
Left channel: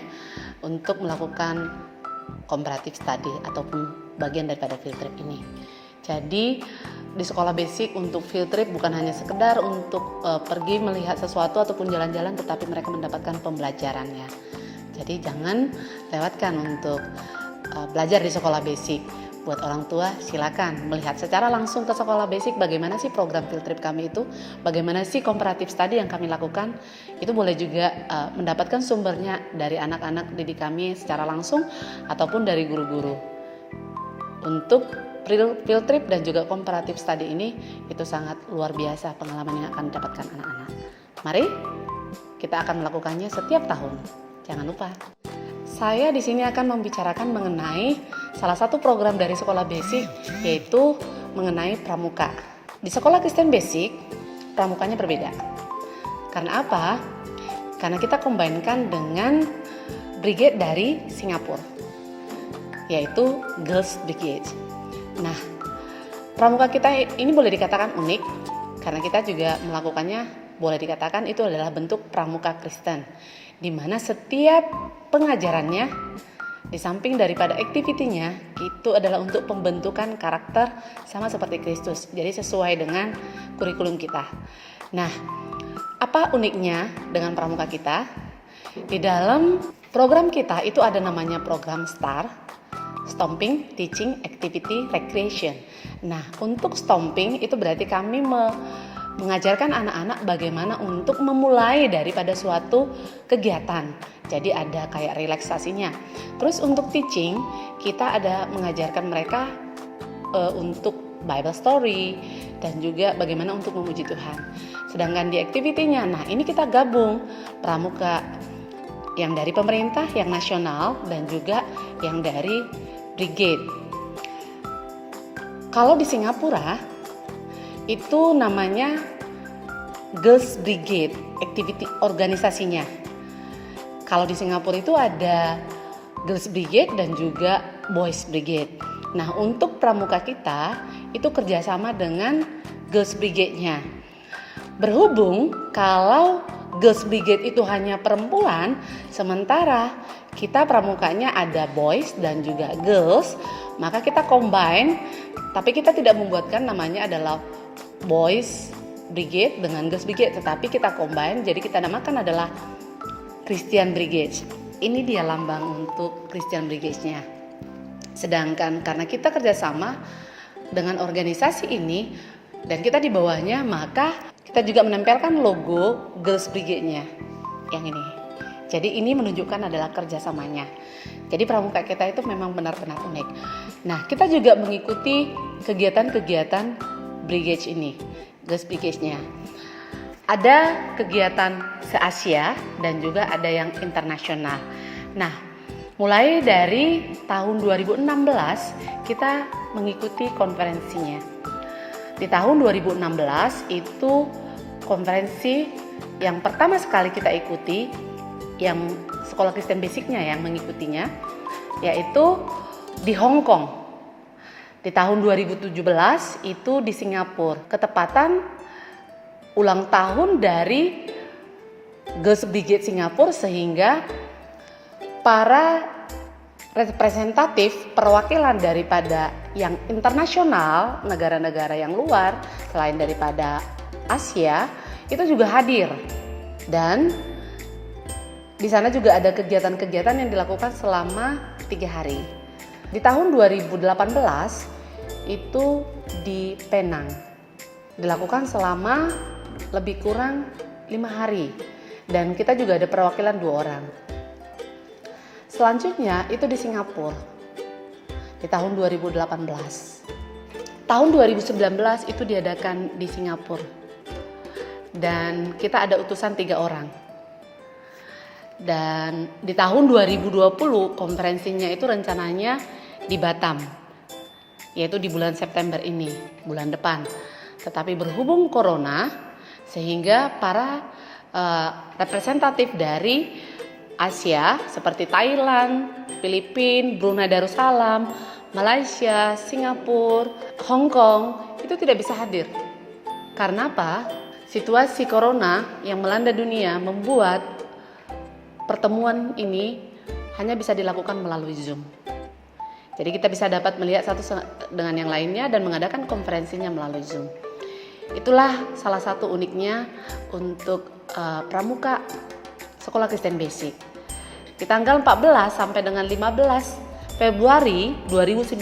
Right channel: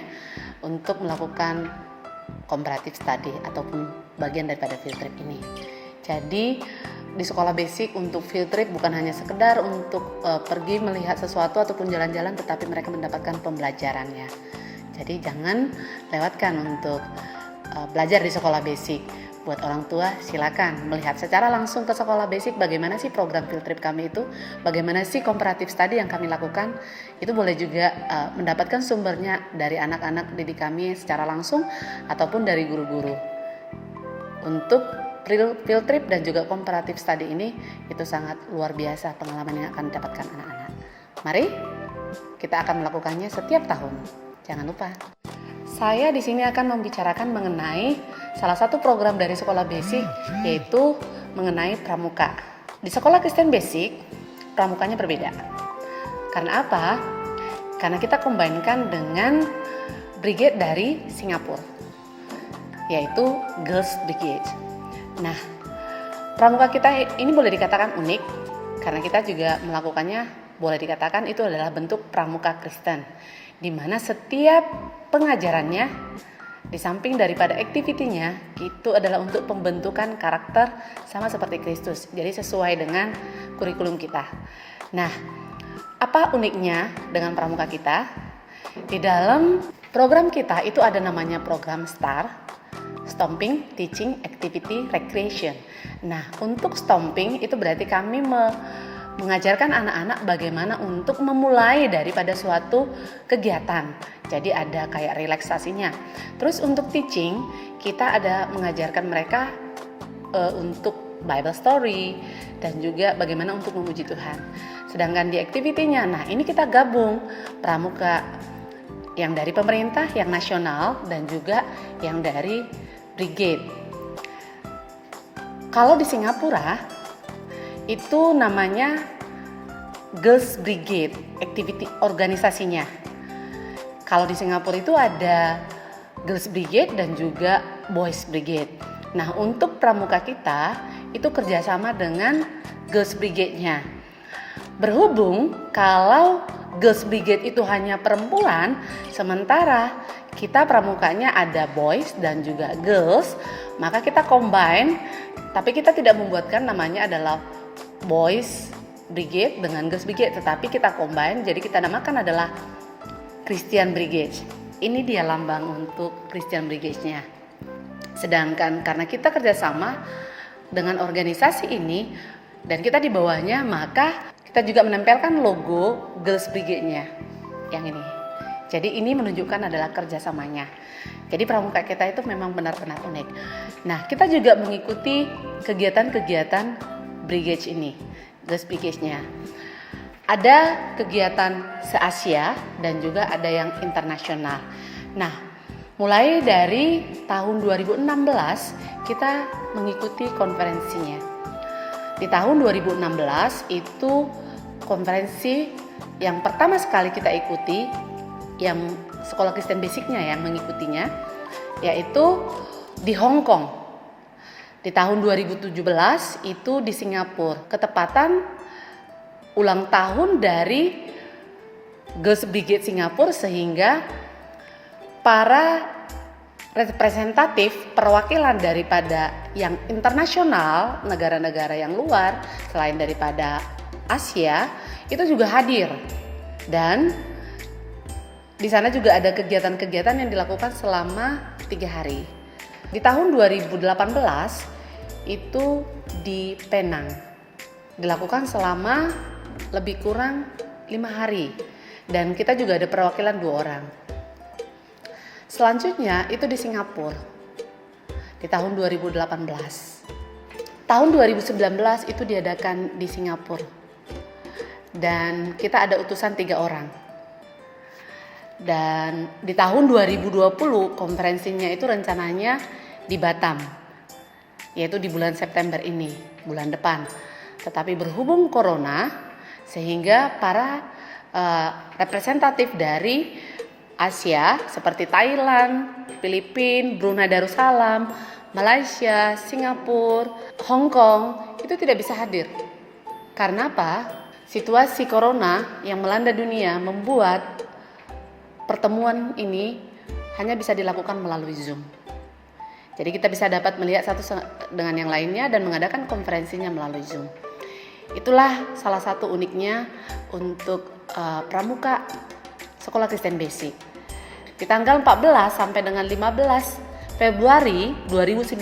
untuk melakukan comparative study ataupun bagian daripada field trip ini. Jadi di sekolah basic untuk field trip bukan hanya sekedar untuk pergi melihat sesuatu ataupun jalan-jalan, tetapi mereka mendapatkan pembelajarannya. Jadi jangan lewatkan untuk belajar di sekolah basic. Buat orang tua silakan melihat secara langsung ke sekolah basic bagaimana sih program field trip kami itu, bagaimana sih comparative study yang kami lakukan. Itu boleh juga mendapatkan sumbernya dari anak-anak didik kami secara langsung ataupun dari guru-guru. Untuk field trip dan juga comparative study ini itu sangat luar biasa pengalaman yang akan didapatkan anak-anak. Mari kita akan melakukannya setiap tahun. Jangan lupa. Saya di sini akan membicarakan mengenai salah satu program dari sekolah basic, yaitu mengenai pramuka. Di sekolah Kristen Basic, pramukanya berbeda. Karena apa? Karena kita combine-kan dengan brigade dari Singapura, yaitu Girls Brigade. Nah, pramuka kita ini boleh dikatakan unik, karena kita juga melakukannya, boleh dikatakan itu adalah bentuk pramuka Kristen, di mana setiap pengajarannya di samping daripada aktivitinya itu adalah untuk pembentukan karakter sama seperti Kristus. Jadi sesuai dengan kurikulum kita. Nah, apa uniknya dengan pramuka kita? Di dalam program kita itu ada namanya program STAR, Stomping, Teaching, Activity, Recreation. Nah, untuk stomping itu berarti kami mengajarkan anak-anak bagaimana untuk memulai daripada suatu kegiatan. Jadi ada kayak relaksasinya. Terus untuk teaching, kita ada mengajarkan mereka untuk Bible story dan juga bagaimana untuk memuji Tuhan. Sedangkan di activity-nya, nah ini kita gabung pramuka yang dari pemerintah, yang nasional, dan juga yang dari brigade. Kalau di Singapura, itu namanya Girls Brigade, activity organisasinya. Kalau di Singapura itu ada Girls Brigade dan juga Boys Brigade. Nah, untuk pramuka kita itu kerjasama dengan Girls Brigade-nya. Berhubung kalau Girls Brigade itu hanya perempuan, sementara kita pramukanya ada boys dan juga girls, maka kita combine, tapi kita tidak membuatkan namanya adalah Boys Brigade dengan Girls Brigade, tetapi kita combine, jadi kita namakan adalah Christian Brigade. Ini dia lambang untuk Christian Brigade-nya. Sedangkan karena kita kerjasama dengan organisasi ini dan kita di bawahnya, maka kita juga menempelkan logo Girls Brigade-nya yang ini. Jadi ini menunjukkan adalah kerjasamanya. Jadi pramuka kita itu memang benar-benar unik. Nah, kita juga mengikuti kegiatan-kegiatan brigade ini, Girls Brigade-nya. Ada kegiatan se-Asia dan juga ada yang internasional. Nah, mulai dari tahun 2016 kita mengikuti konferensinya. Di tahun 2016 itu konferensi yang pertama sekali kita ikuti, yang sekolah Kristen Basic-nya yang mengikutinya, yaitu di Hong Kong. Di tahun 2017 itu di Singapura, ketepatan ulang tahun dari Girls Brigade Singapura, sehingga para representatif perwakilan daripada yang internasional, negara-negara yang luar selain daripada Asia itu juga hadir. Dan di sana juga ada kegiatan-kegiatan yang dilakukan selama 3 hari. Di tahun 2018 itu di Penang dilakukan selama lebih kurang 5 hari, dan kita juga ada perwakilan 2 orang. Selanjutnya itu di Singapura di tahun 2018. tahun 2019 itu diadakan di Singapura. Dan kita ada utusan 3 orang. Dan di tahun 2020 konferensinya itu rencananya di Batam, yaitu di bulan September ini, bulan depan. Tetapi berhubung corona, sehingga para representatif dari Asia seperti Thailand, Filipina, Brunei Darussalam, Malaysia, Singapura, Hong Kong itu tidak bisa hadir. Karena apa? Situasi corona yang melanda dunia membuat pertemuan ini hanya bisa dilakukan melalui Zoom. Jadi kita bisa dapat melihat satu dengan yang lainnya dan mengadakan konferensinya melalui Zoom. Itulah salah satu uniknya untuk Pramuka Sekolah Kristen Basic. Di tanggal 14 sampai dengan 15 Februari 2019,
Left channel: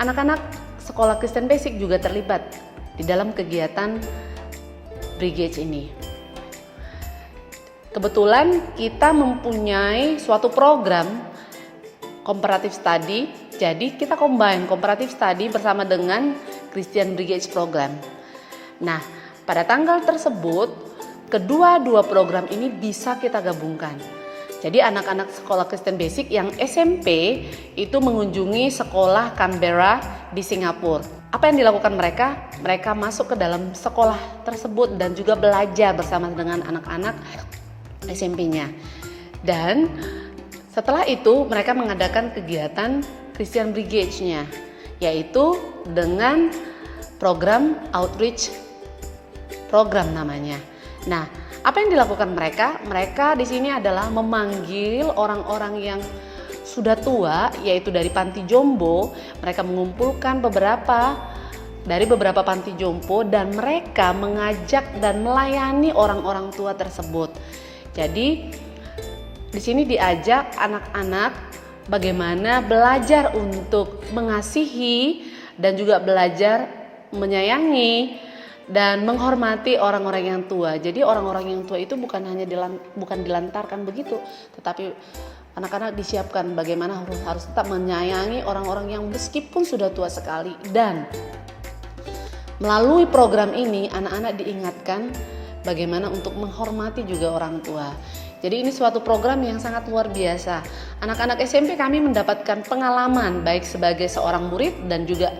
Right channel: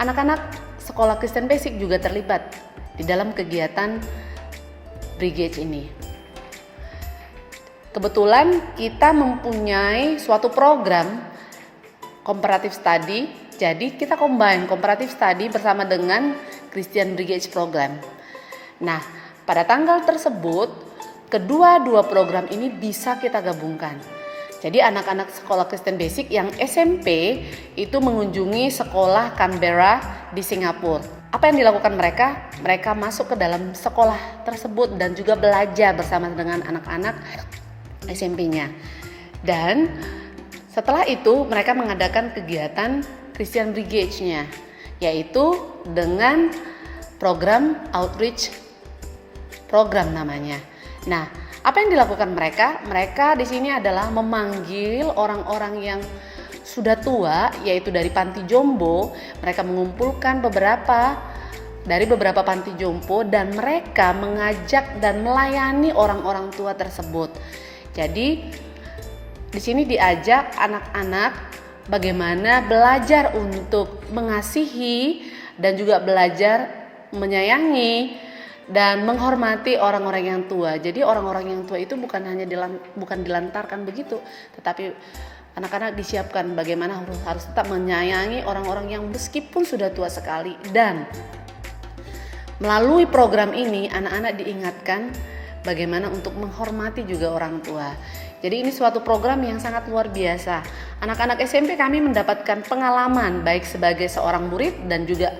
anak-anak Sekolah Kristen Basic juga terlibat di dalam kegiatan Brigade ini. Kebetulan kita mempunyai suatu program comparative study, jadi kita combine comparative study bersama dengan Christian Brigade program. Nah, pada tanggal tersebut, kedua-dua program ini bisa kita gabungkan. Jadi anak-anak sekolah Kristen Basic yang SMP itu mengunjungi sekolah Canberra di Singapura. Apa yang dilakukan mereka? Mereka masuk ke dalam sekolah tersebut dan juga belajar bersama dengan anak-anak SMP-nya. Dan setelah itu mereka mengadakan kegiatan Christian Brigade-nya, yaitu dengan program outreach program namanya. Nah, apa yang dilakukan mereka? Mereka di sini adalah memanggil orang-orang yang sudah tua, yaitu dari panti jompo. Mereka mengumpulkan beberapa panti jompo dan mereka mengajak dan melayani orang-orang tua tersebut. Jadi di sini diajak anak-anak bagaimana belajar untuk mengasihi dan juga belajar menyayangi dan menghormati orang-orang yang tua. Jadi orang-orang yang tua itu bukan hanya dilantarkan begitu, tetapi anak-anak disiapkan bagaimana harus tetap menyayangi orang-orang yang meskipun sudah tua sekali. Dan melalui program ini anak-anak diingatkan bagaimana untuk menghormati juga orang tua. Jadi ini suatu program yang sangat luar biasa. Anak-anak SMP kami mendapatkan pengalaman baik sebagai seorang murid dan juga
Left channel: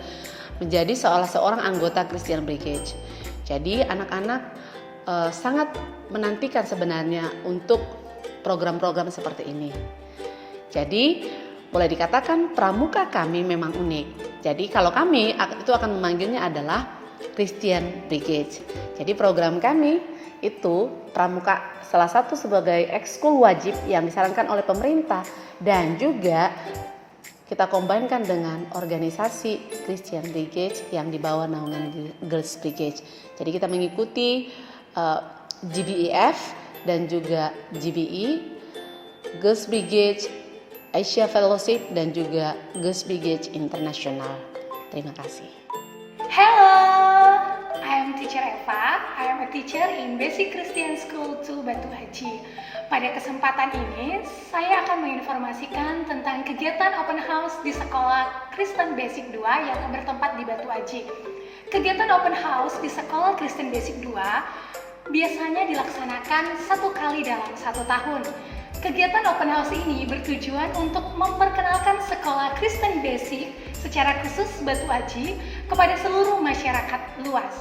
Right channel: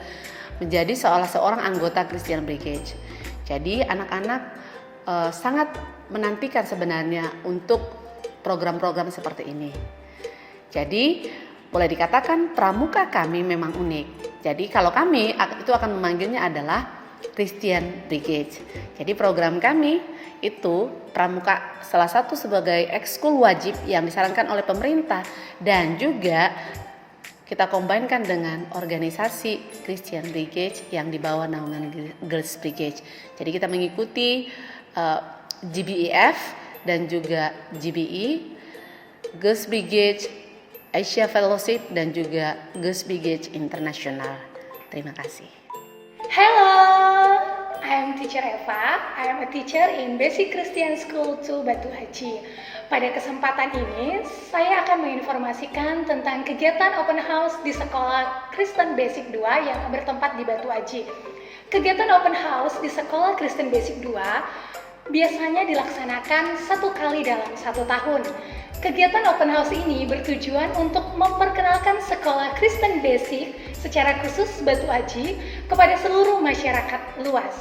menjadi seorang anggota Christian Brigade. Jadi anak-anak sangat menantikan sebenarnya untuk program-program seperti ini. Jadi boleh dikatakan pramuka kami memang unik. Jadi kalau kami itu akan memanggilnya adalah Christian Brigade. Jadi program kami itu pramuka salah satu sebagai ekskul wajib yang disarankan oleh pemerintah dan juga kita combine-kan dengan organisasi Christian Brigade yang dibawa naungan Girls Brigade. Jadi kita mengikuti GBEF dan juga GBE, Girls Brigade, Asia Fellowship dan juga Girls Brigade International. Terima kasih. Hello, I am Teacher Eva. I am a teacher in Basic Christian School 2 Batu Haji. Pada kesempatan ini, saya akan menginformasikan tentang kegiatan open house di Sekolah Kristen Basic 2 yang bertempat di Batu Haji. Kegiatan open house di Sekolah Kristen Basic 2 biasanya dilaksanakan 1 kali dalam 1 tahun. Kegiatan open house ini bertujuan untuk memperkenalkan Sekolah Kristen Basic secara khusus Batu Haji kepada seluruh masyarakat luas.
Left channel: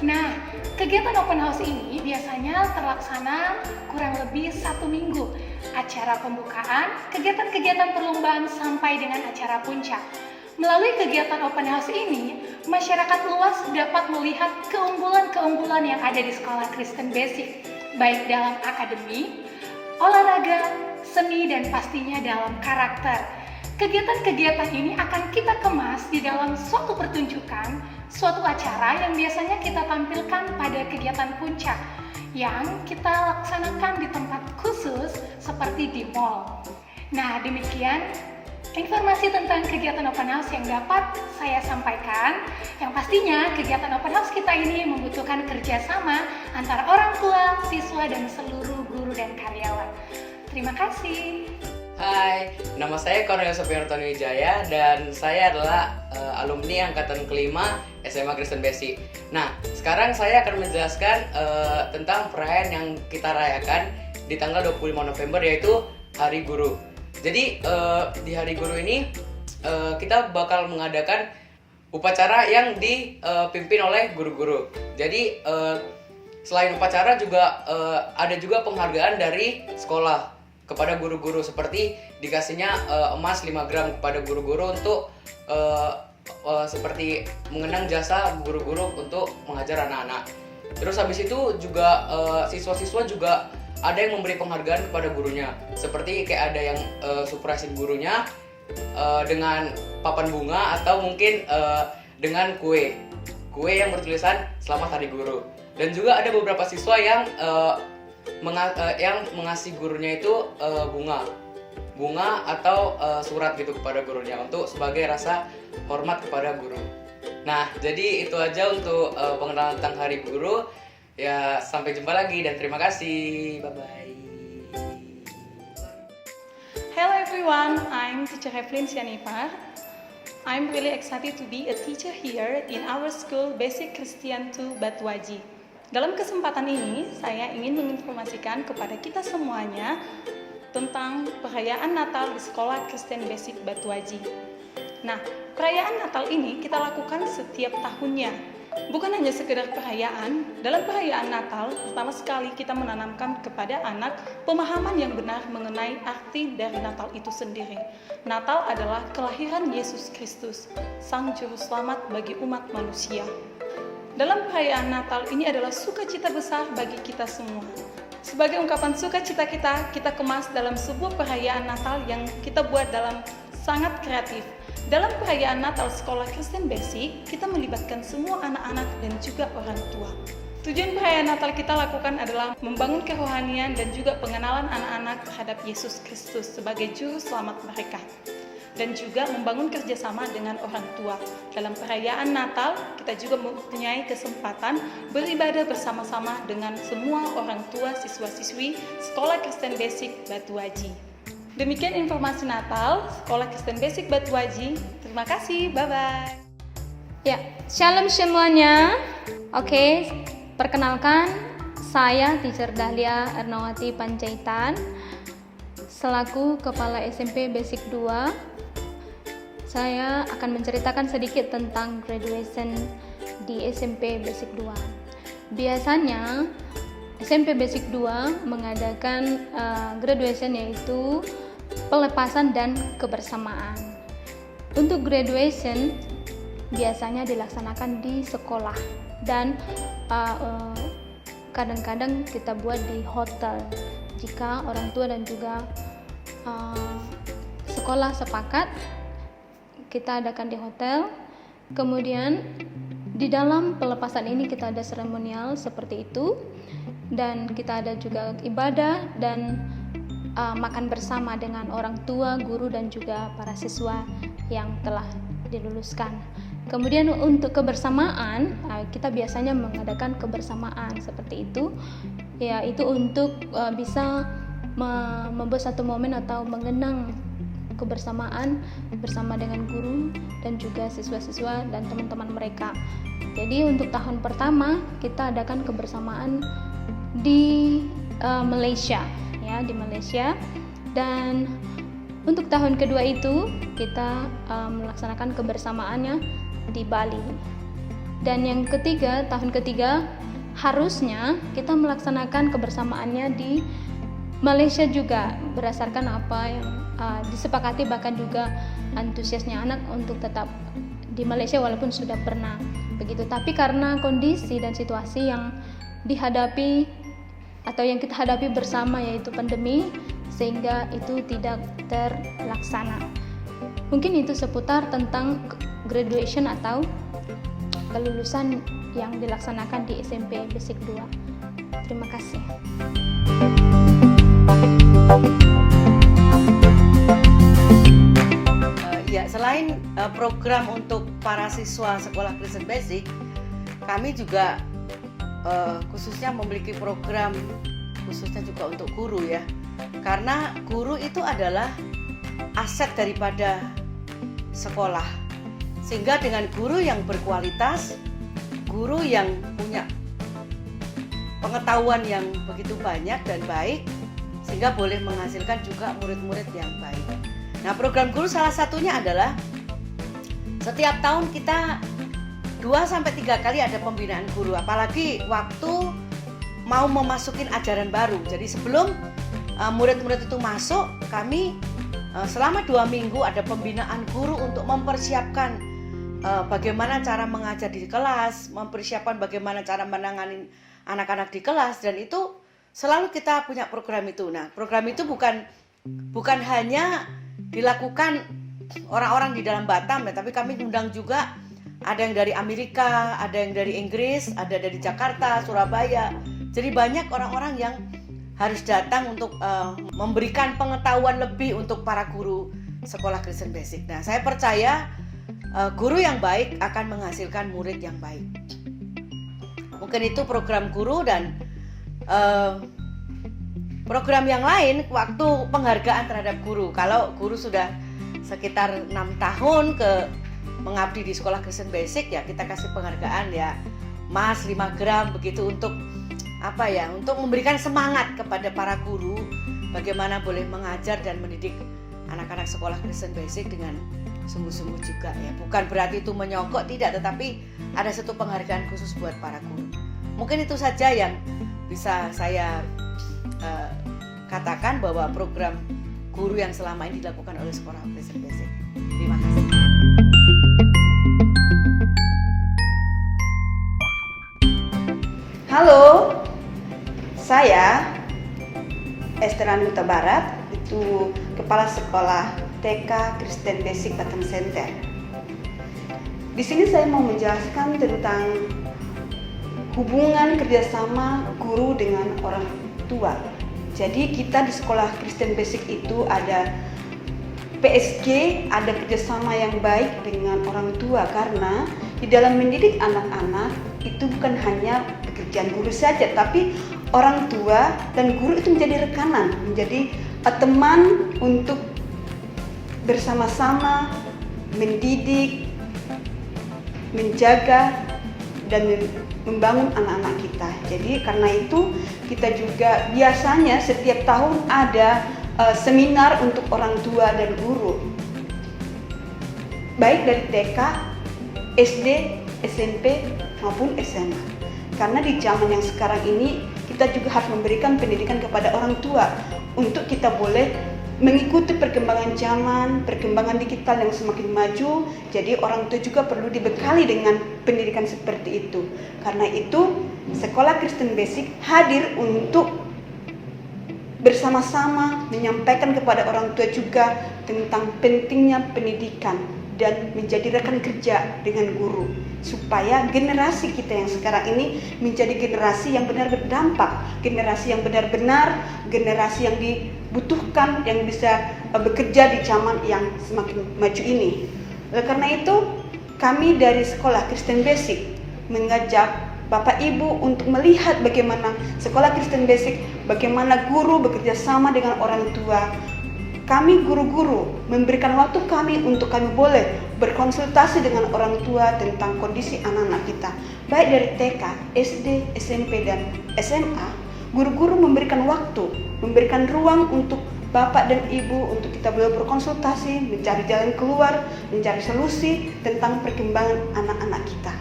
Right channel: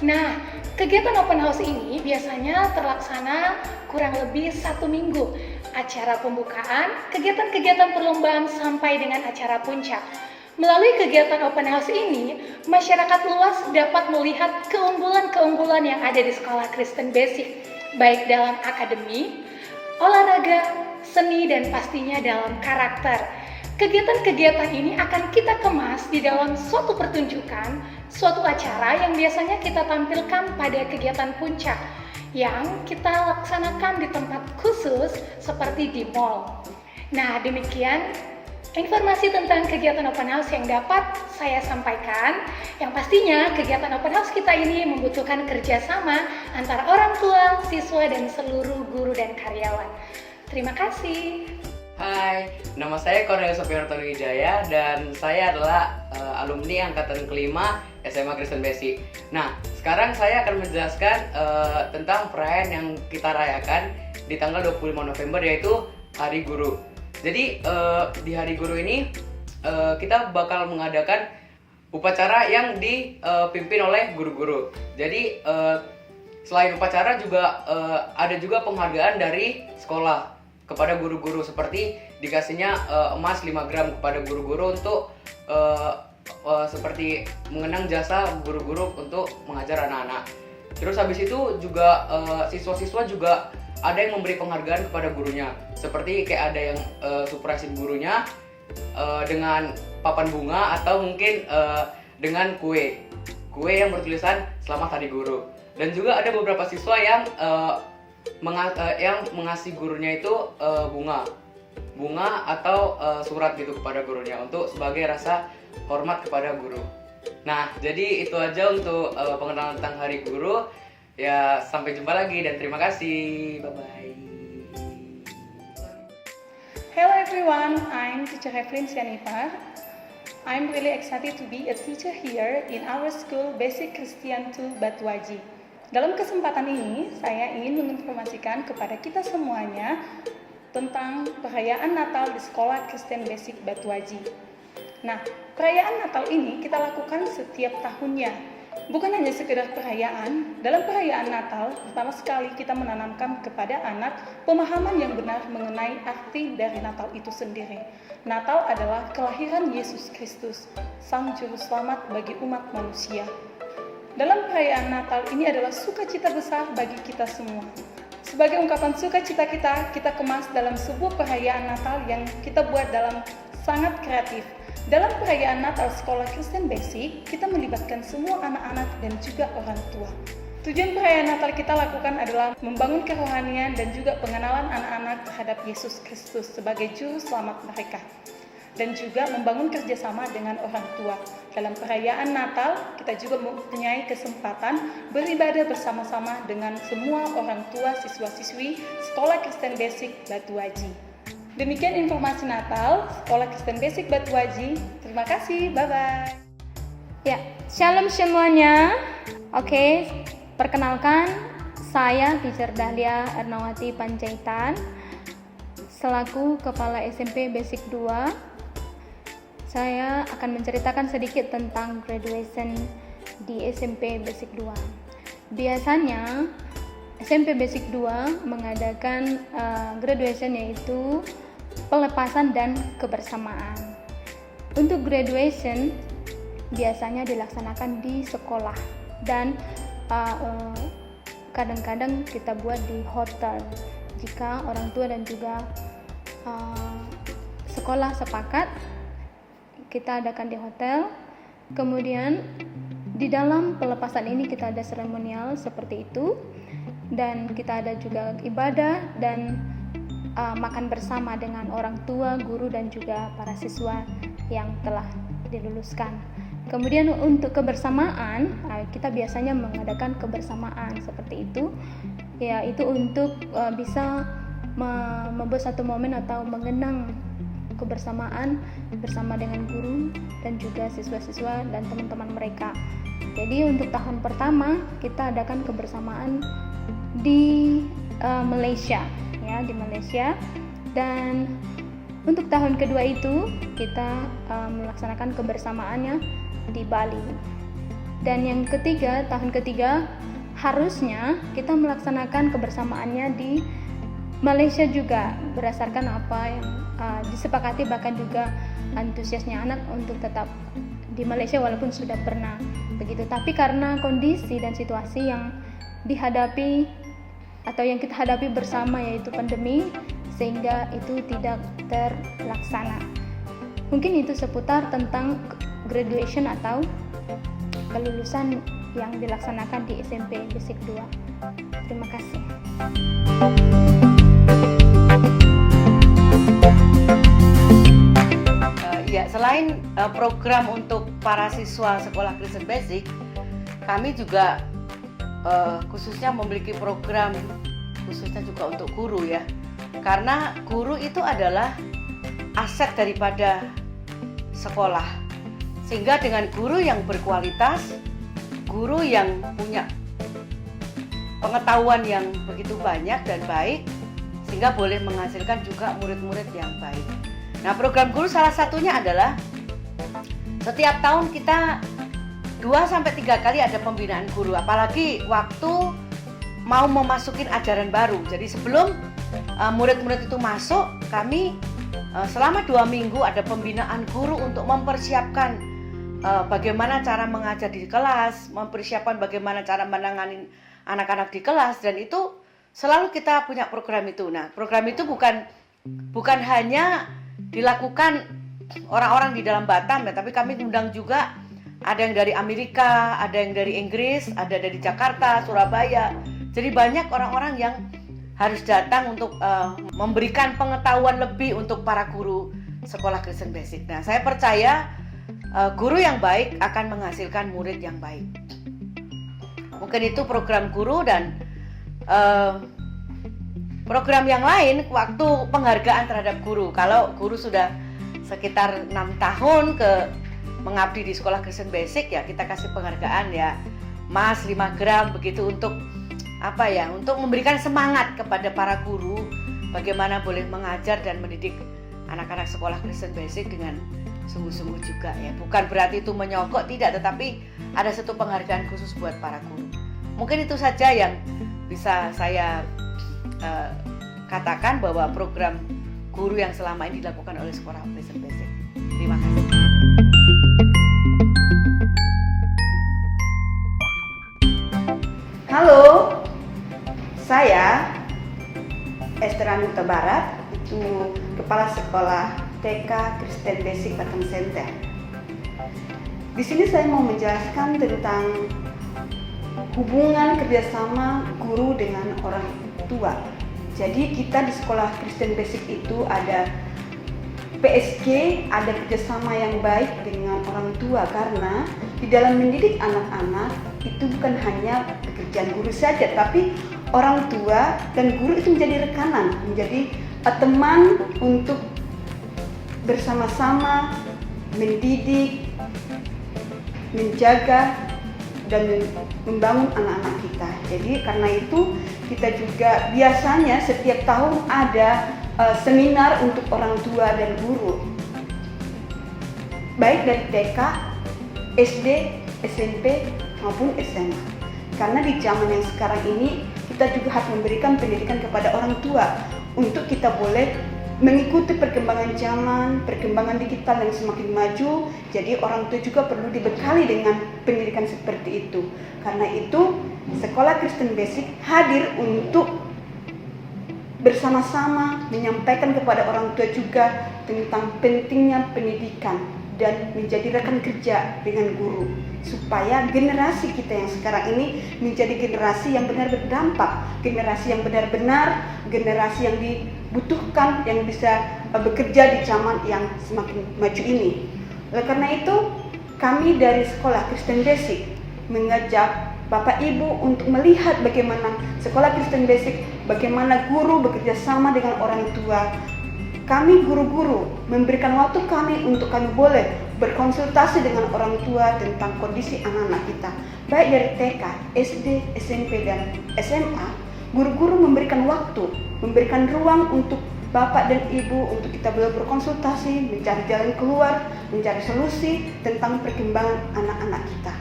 Nah, kegiatan open house ini biasanya terlaksana kurang lebih 1 minggu. Acara pembukaan, kegiatan-kegiatan perlombaan sampai dengan acara puncak. Melalui kegiatan open house ini, masyarakat luas dapat melihat keunggulan-keunggulan yang ada di Sekolah Kristen Basic, baik dalam akademi, olahraga, seni, dan pastinya dalam karakter. Kegiatan-kegiatan ini akan kita kemas di dalam suatu pertunjukan, suatu acara yang biasanya kita tampilkan pada kegiatan puncak yang kita laksanakan di tempat khusus seperti di mall. Nah, demikian informasi tentang kegiatan open house yang dapat saya sampaikan. Yang pastinya kegiatan open house kita ini membutuhkan kerjasama antara orang tua, siswa, dan seluruh guru dan karyawan. Terima kasih. Hai, nama saya Cornelius Sofiarto Wijaya dan saya adalah alumni angkatan kelima SMA Kristen Basic. Nah, sekarang saya akan menjelaskan tentang perayaan yang kita rayakan di tanggal 25 November yaitu Hari Guru. Jadi di Hari Guru ini kita bakal mengadakan upacara yang dipimpin oleh guru-guru. Jadi selain upacara juga ada juga penghargaan dari sekolah kepada guru-guru, seperti dikasihnya emas 5 gram kepada guru-guru untuk seperti mengenang jasa guru-guru untuk mengajar anak-anak. Terus habis itu juga siswa-siswa juga ada yang memberi penghargaan kepada gurunya, seperti kayak ada yang surprisein gurunya dengan papan bunga atau mungkin dengan kue yang bertulisan Selamat Hari Guru. Dan juga ada beberapa siswa yang mengasih gurunya itu bunga atau surat gitu kepada gurunya untuk sebagai rasa hormat kepada guru. Nah, jadi itu aja untuk pengenalan tentang Hari Guru. Ya, sampai jumpa lagi dan terima kasih. Bye bye. Hello everyone, I'm teacher Evelyn Sianipa. I'm really excited to be a teacher here in our school Basic Christian 2 Batuaji. Dalam kesempatan ini, saya ingin menginformasikan kepada kita semuanya tentang perayaan Natal di Sekolah Kristen Basic Batuaji. Nah, perayaan Natal ini kita lakukan setiap tahunnya. Bukan hanya sekedar perayaan, dalam perayaan Natal, pertama sekali kita menanamkan kepada anak pemahaman yang benar mengenai arti dari Natal itu sendiri. Natal adalah kelahiran Yesus Kristus, Sang Juru Selamat bagi umat manusia. Dalam perayaan Natal ini adalah sukacita besar bagi kita semua. Sebagai ungkapan sukacita kita kemas dalam sebuah perayaan Natal yang kita buat dalam sangat kreatif. Dalam perayaan Natal Sekolah Kristen Basic, kita melibatkan semua anak-anak dan juga orang tua. Tujuan perayaan Natal kita lakukan adalah membangun kerohanian dan juga pengenalan anak-anak terhadap Yesus Kristus sebagai Juru Selamat mereka. Dan juga membangun kerjasama dengan orang tua. Dalam perayaan Natal, kita juga mempunyai kesempatan beribadah bersama-sama dengan semua orang tua siswa-siswi Sekolah Kristen Basic Batuaji. Demikian informasi Natal Sekolah Kristen Basic Batuaji. Terima kasih, bye-bye. Ya, shalom semuanya. Oke, perkenalkan saya Teacher Dahlia Ernawati Panjaitan selaku Kepala SMP Basic 2. Saya akan menceritakan sedikit tentang graduation di SMP Basic 2. Biasanya SMP Basic 2 mengadakan graduation yaitu pelepasan dan kebersamaan. Untuk graduation biasanya dilaksanakan di sekolah dan kadang-kadang kita buat di hotel jika orang tua dan juga sekolah sepakat. Kita adakan di hotel. Kemudian di dalam pelepasan ini kita ada seremonial seperti itu, dan kita ada juga ibadah dan makan bersama dengan orang tua, guru dan juga para siswa yang telah diluluskan. Kemudian untuk kebersamaan, kita biasanya mengadakan kebersamaan seperti itu, yaitu untuk bisa membuat satu momen atau mengenang kebersamaan bersama dengan guru dan juga siswa-siswa dan teman-teman mereka. Jadi untuk tahun pertama kita adakan kebersamaan di Malaysia, ya, di Malaysia. Dan untuk tahun kedua itu kita melaksanakan kebersamaannya di Bali. Dan yang ketiga, tahun ketiga harusnya kita melaksanakan kebersamaannya di Malaysia juga, berdasarkan apa yang disepakati, bahkan juga antusiasnya anak untuk tetap di Malaysia walaupun sudah pernah begitu. Tapi karena kondisi dan situasi yang dihadapi atau yang kita hadapi bersama yaitu pandemi, sehingga itu tidak terlaksana. Mungkin itu seputar tentang graduation atau kelulusan yang dilaksanakan di SMP Basic 2. Terima kasih. Ya, selain program untuk para siswa Sekolah Kristen Basic, kami juga khususnya memiliki program khususnya juga untuk guru, ya. Karena guru itu adalah aset daripada sekolah. Sehingga dengan guru yang berkualitas, guru yang punya pengetahuan yang begitu banyak dan baik, sehingga boleh menghasilkan juga murid-murid yang baik. Nah, program guru salah satunya adalah setiap tahun kita 2-3 kali ada pembinaan guru, apalagi waktu mau memasukin ajaran baru. Jadi sebelum murid-murid itu masuk, kami selama 2 minggu ada pembinaan guru untuk mempersiapkan bagaimana cara mengajar di kelas, mempersiapkan bagaimana cara menangani anak-anak di kelas, dan itu selalu kita punya program itu. Nah, program itu bukan hanya dilakukan orang-orang di dalam Batam ya, tapi kami undang juga ada yang dari Amerika, ada yang dari Inggris, ada dari Jakarta, Surabaya. Jadi banyak orang-orang yang harus datang untuk memberikan pengetahuan lebih untuk para guru sekolah Kristen Basic. Nah, saya percaya guru yang baik akan menghasilkan murid yang baik. Mungkin itu program guru, dan program yang lain waktu penghargaan terhadap guru. Kalau guru sudah sekitar 6 tahun mengabdi di sekolah Kristen Basic, ya kita kasih penghargaan ya Mas 5 gram begitu, untuk untuk memberikan semangat kepada para guru bagaimana boleh mengajar dan mendidik anak-anak sekolah Kristen Basic dengan sungguh-sungguh juga ya. Bukan berarti itu menyogok, tidak, tetapi ada satu penghargaan khusus buat para guru. Mungkin itu saja yang bisa saya katakan bahwa program guru yang selama ini dilakukan oleh sekolah Kristen Basic. Terima kasih. Halo, saya Esther Anita Barat, itu Kepala Sekolah TK Kristen Basic Batam Center. Di sini saya mau menjelaskan tentang hubungan kerjasama guru dengan orang tua. Jadi kita di sekolah Kristen Basic itu ada PSG, ada kerjasama yang baik dengan orang tua, karena di dalam mendidik anak-anak itu bukan hanya pekerjaan guru saja, tapi orang tua dan guru itu menjadi rekanan, menjadi teman untuk bersama-sama mendidik, menjaga, dan membangun anak-anak kita. Jadi karena itu kita juga biasanya setiap tahun ada seminar untuk orang tua dan guru, baik dari TK, SD, SMP maupun SMA. Karena di zaman yang sekarang ini kita juga harus memberikan pendidikan kepada orang tua untuk kita boleh mengikuti perkembangan zaman, perkembangan digital yang semakin maju. Jadi orang tua juga perlu dibekali dengan pendidikan seperti itu. Karena itu sekolah Kristen Basic hadir untuk bersama-sama menyampaikan kepada orang tua juga tentang pentingnya pendidikan dan menjadi rekan kerja dengan guru, supaya generasi kita yang sekarang ini menjadi generasi yang benar berdampak, generasi yang benar-benar, generasi yang dibutuhkan, yang bisa bekerja di zaman yang semakin maju ini. Oleh karena itu, kami dari sekolah Kristen Basic mengajak Bapak Ibu untuk melihat bagaimana sekolah Kristen Basic, bagaimana guru bekerja sama dengan orang tua. Kami guru-guru memberikan waktu kami untuk kami boleh berkonsultasi dengan orang tua tentang kondisi anak-anak kita. Baik dari TK, SD, SMP, dan SMA, guru-guru memberikan waktu, memberikan ruang untuk Bapak dan Ibu untuk kita boleh berkonsultasi, mencari jalan keluar, mencari solusi tentang perkembangan anak-anak kita.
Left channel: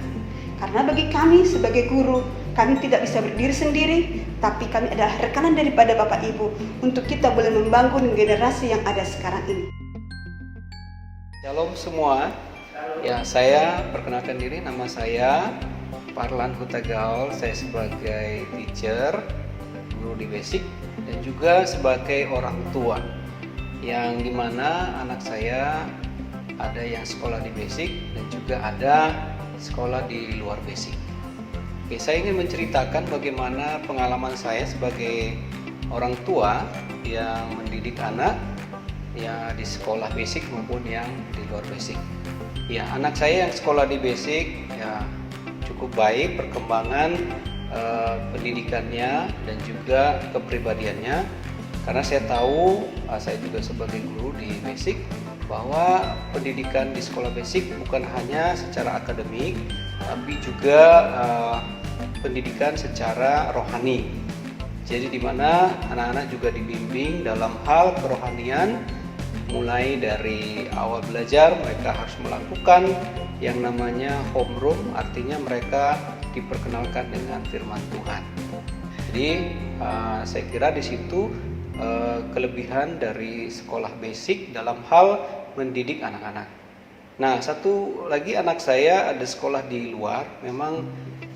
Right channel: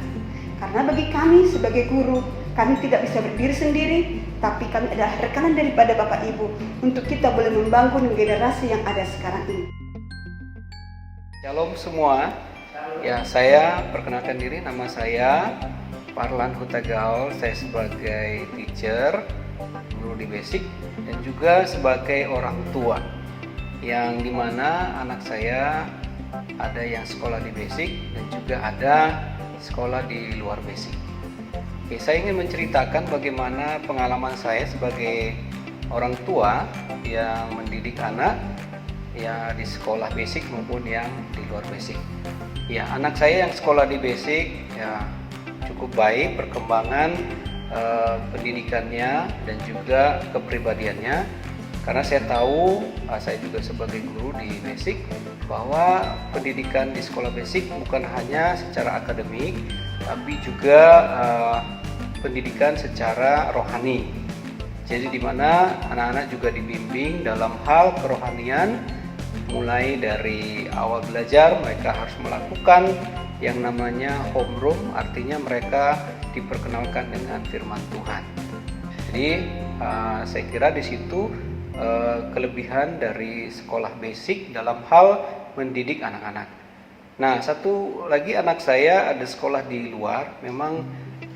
Karena bagi kami sebagai guru, kami tidak bisa berdiri sendiri, tapi kami adalah rekanan daripada Bapak Ibu untuk kita boleh membangun generasi yang ada sekarang ini. Shalom semua. Ya, saya perkenalkan diri, nama saya Parlan Hutagaul. Saya sebagai teacher, guru di Basic, dan juga sebagai orang tua, yang dimana anak saya ada yang sekolah di Basic dan juga ada sekolah di luar Basic. Oke, saya ingin menceritakan bagaimana pengalaman saya sebagai orang tua yang mendidik anak ya di sekolah Basic maupun yang di luar Basic. Ya, anak saya yang sekolah di Basic ya cukup baik perkembangan pendidikannya dan juga kepribadiannya, Karena saya tahu, saya juga sebagai guru di basic, bahwa pendidikan di sekolah basic bukan hanya secara akademik, tapi juga pendidikan secara rohani. Jadi di mana anak-anak juga dibimbing dalam hal kerohanian, mulai dari awal belajar mereka harus melakukan yang namanya homeroom, artinya mereka diperkenalkan dengan firman Tuhan. Jadi saya kira di situ kelebihan dari sekolah basic dalam hal mendidik anak-anak. Nah, satu lagi anak saya ada sekolah di luar, memang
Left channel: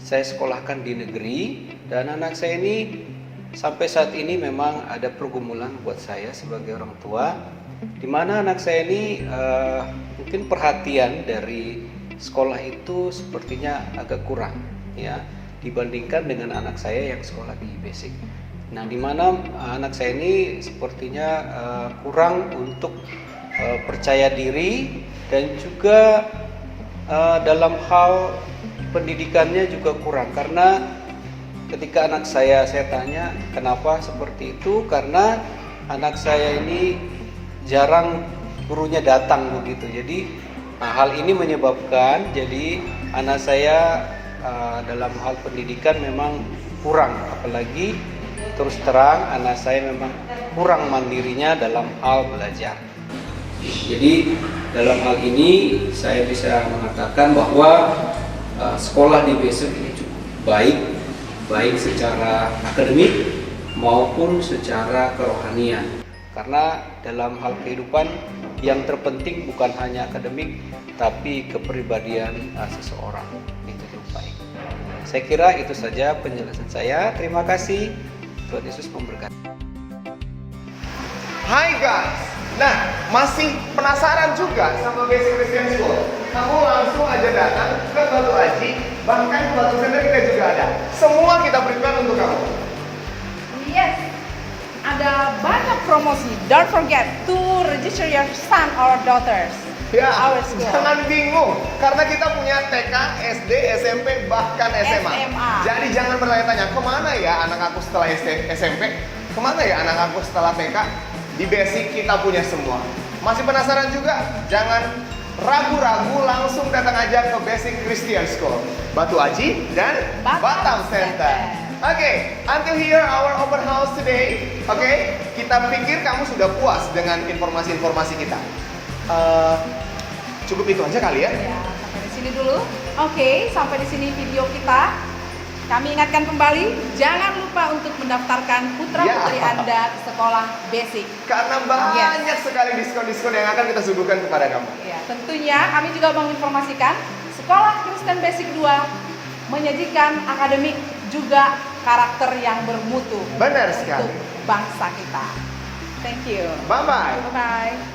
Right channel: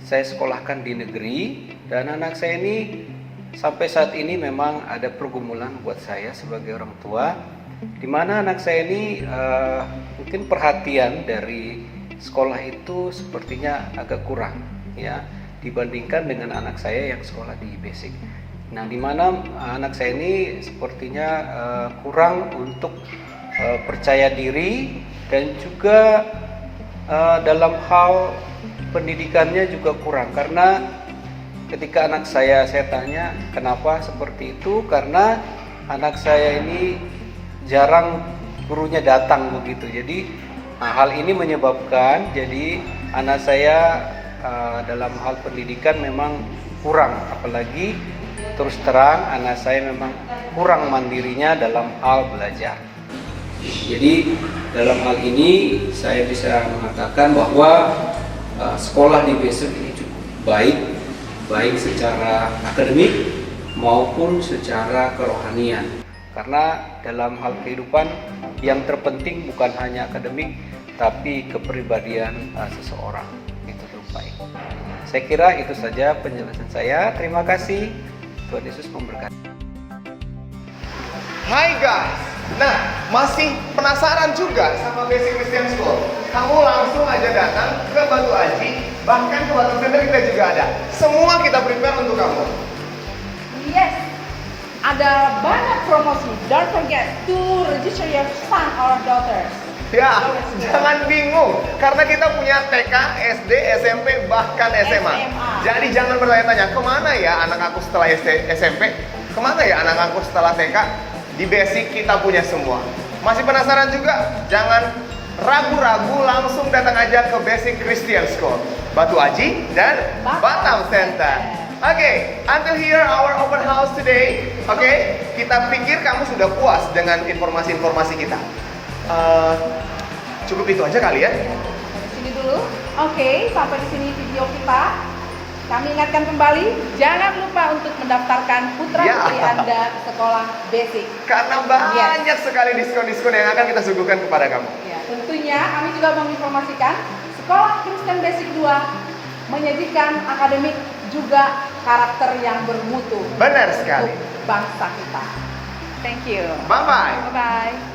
saya sekolahkan di negeri, dan anak saya ini sampai saat ini memang ada pergumulan buat saya sebagai orang tua, di mana anak saya ini mungkin perhatian dari sekolah itu sepertinya agak kurang ya dibandingkan dengan anak saya yang sekolah di basic. Nah, di mana anak saya ini sepertinya kurang untuk percaya diri, dan juga dalam hal pendidikannya juga kurang. Karena ketika anak saya tanya kenapa seperti itu, karena anak saya ini jarang gurunya datang begitu. Jadi hal ini menyebabkan jadi anak saya dalam hal pendidikan memang kurang, apalagi terus terang anak saya memang kurang mandirinya dalam hal belajar. Jadi dalam hal ini saya bisa mengatakan bahwa sekolah di basic ini cukup baik secara akademik maupun secara kerohanian. Karena dalam hal kehidupan yang terpenting bukan hanya akademik, tapi kepribadian seseorang itu cukup baik. Saya kira itu saja penjelasan saya. Terima kasih. Tuhan Yesus memberkati. Hai guys, nah masih penasaran juga sama Basic Christian School? Kamu langsung aja datang ke Batu Aji, bahkan ke Batu Center kita juga ada. Semua kita prepare untuk kamu. Yes, ada banyak promosi. Don't forget to register your son or daughters. Ya, jangan bingung, karena kita punya TK, SD, SMP, bahkan SMA. Jadi jangan bertanya-tanya, kemana ya anak aku setelah SMP? Kemana ya anak aku setelah TK? Di Basic kita punya semua. Masih penasaran juga? Jangan ragu-ragu, langsung datang aja ke Basic Christian School, Batu Aji dan Batam Center. Oke, until here our open house today. Oke, kita pikir kamu sudah puas dengan informasi-informasi kita. Cukup itu aja kali ya. Di sini dulu. Oke, sampai di sini video kita. Kami ingatkan kembali, jangan lupa untuk mendaftarkan putra-putri Anda sekolah basic. Karena banyak sekali diskon-diskon yang akan kita suguhkan kepada kamu. Ya, tentunya kami juga menginformasikan Sekolah Kristen Basic 2 menyajikan akademik juga karakter yang bermutu. Benar sekali. Bangsa kita. Thank you. Bye-bye. Bye-bye.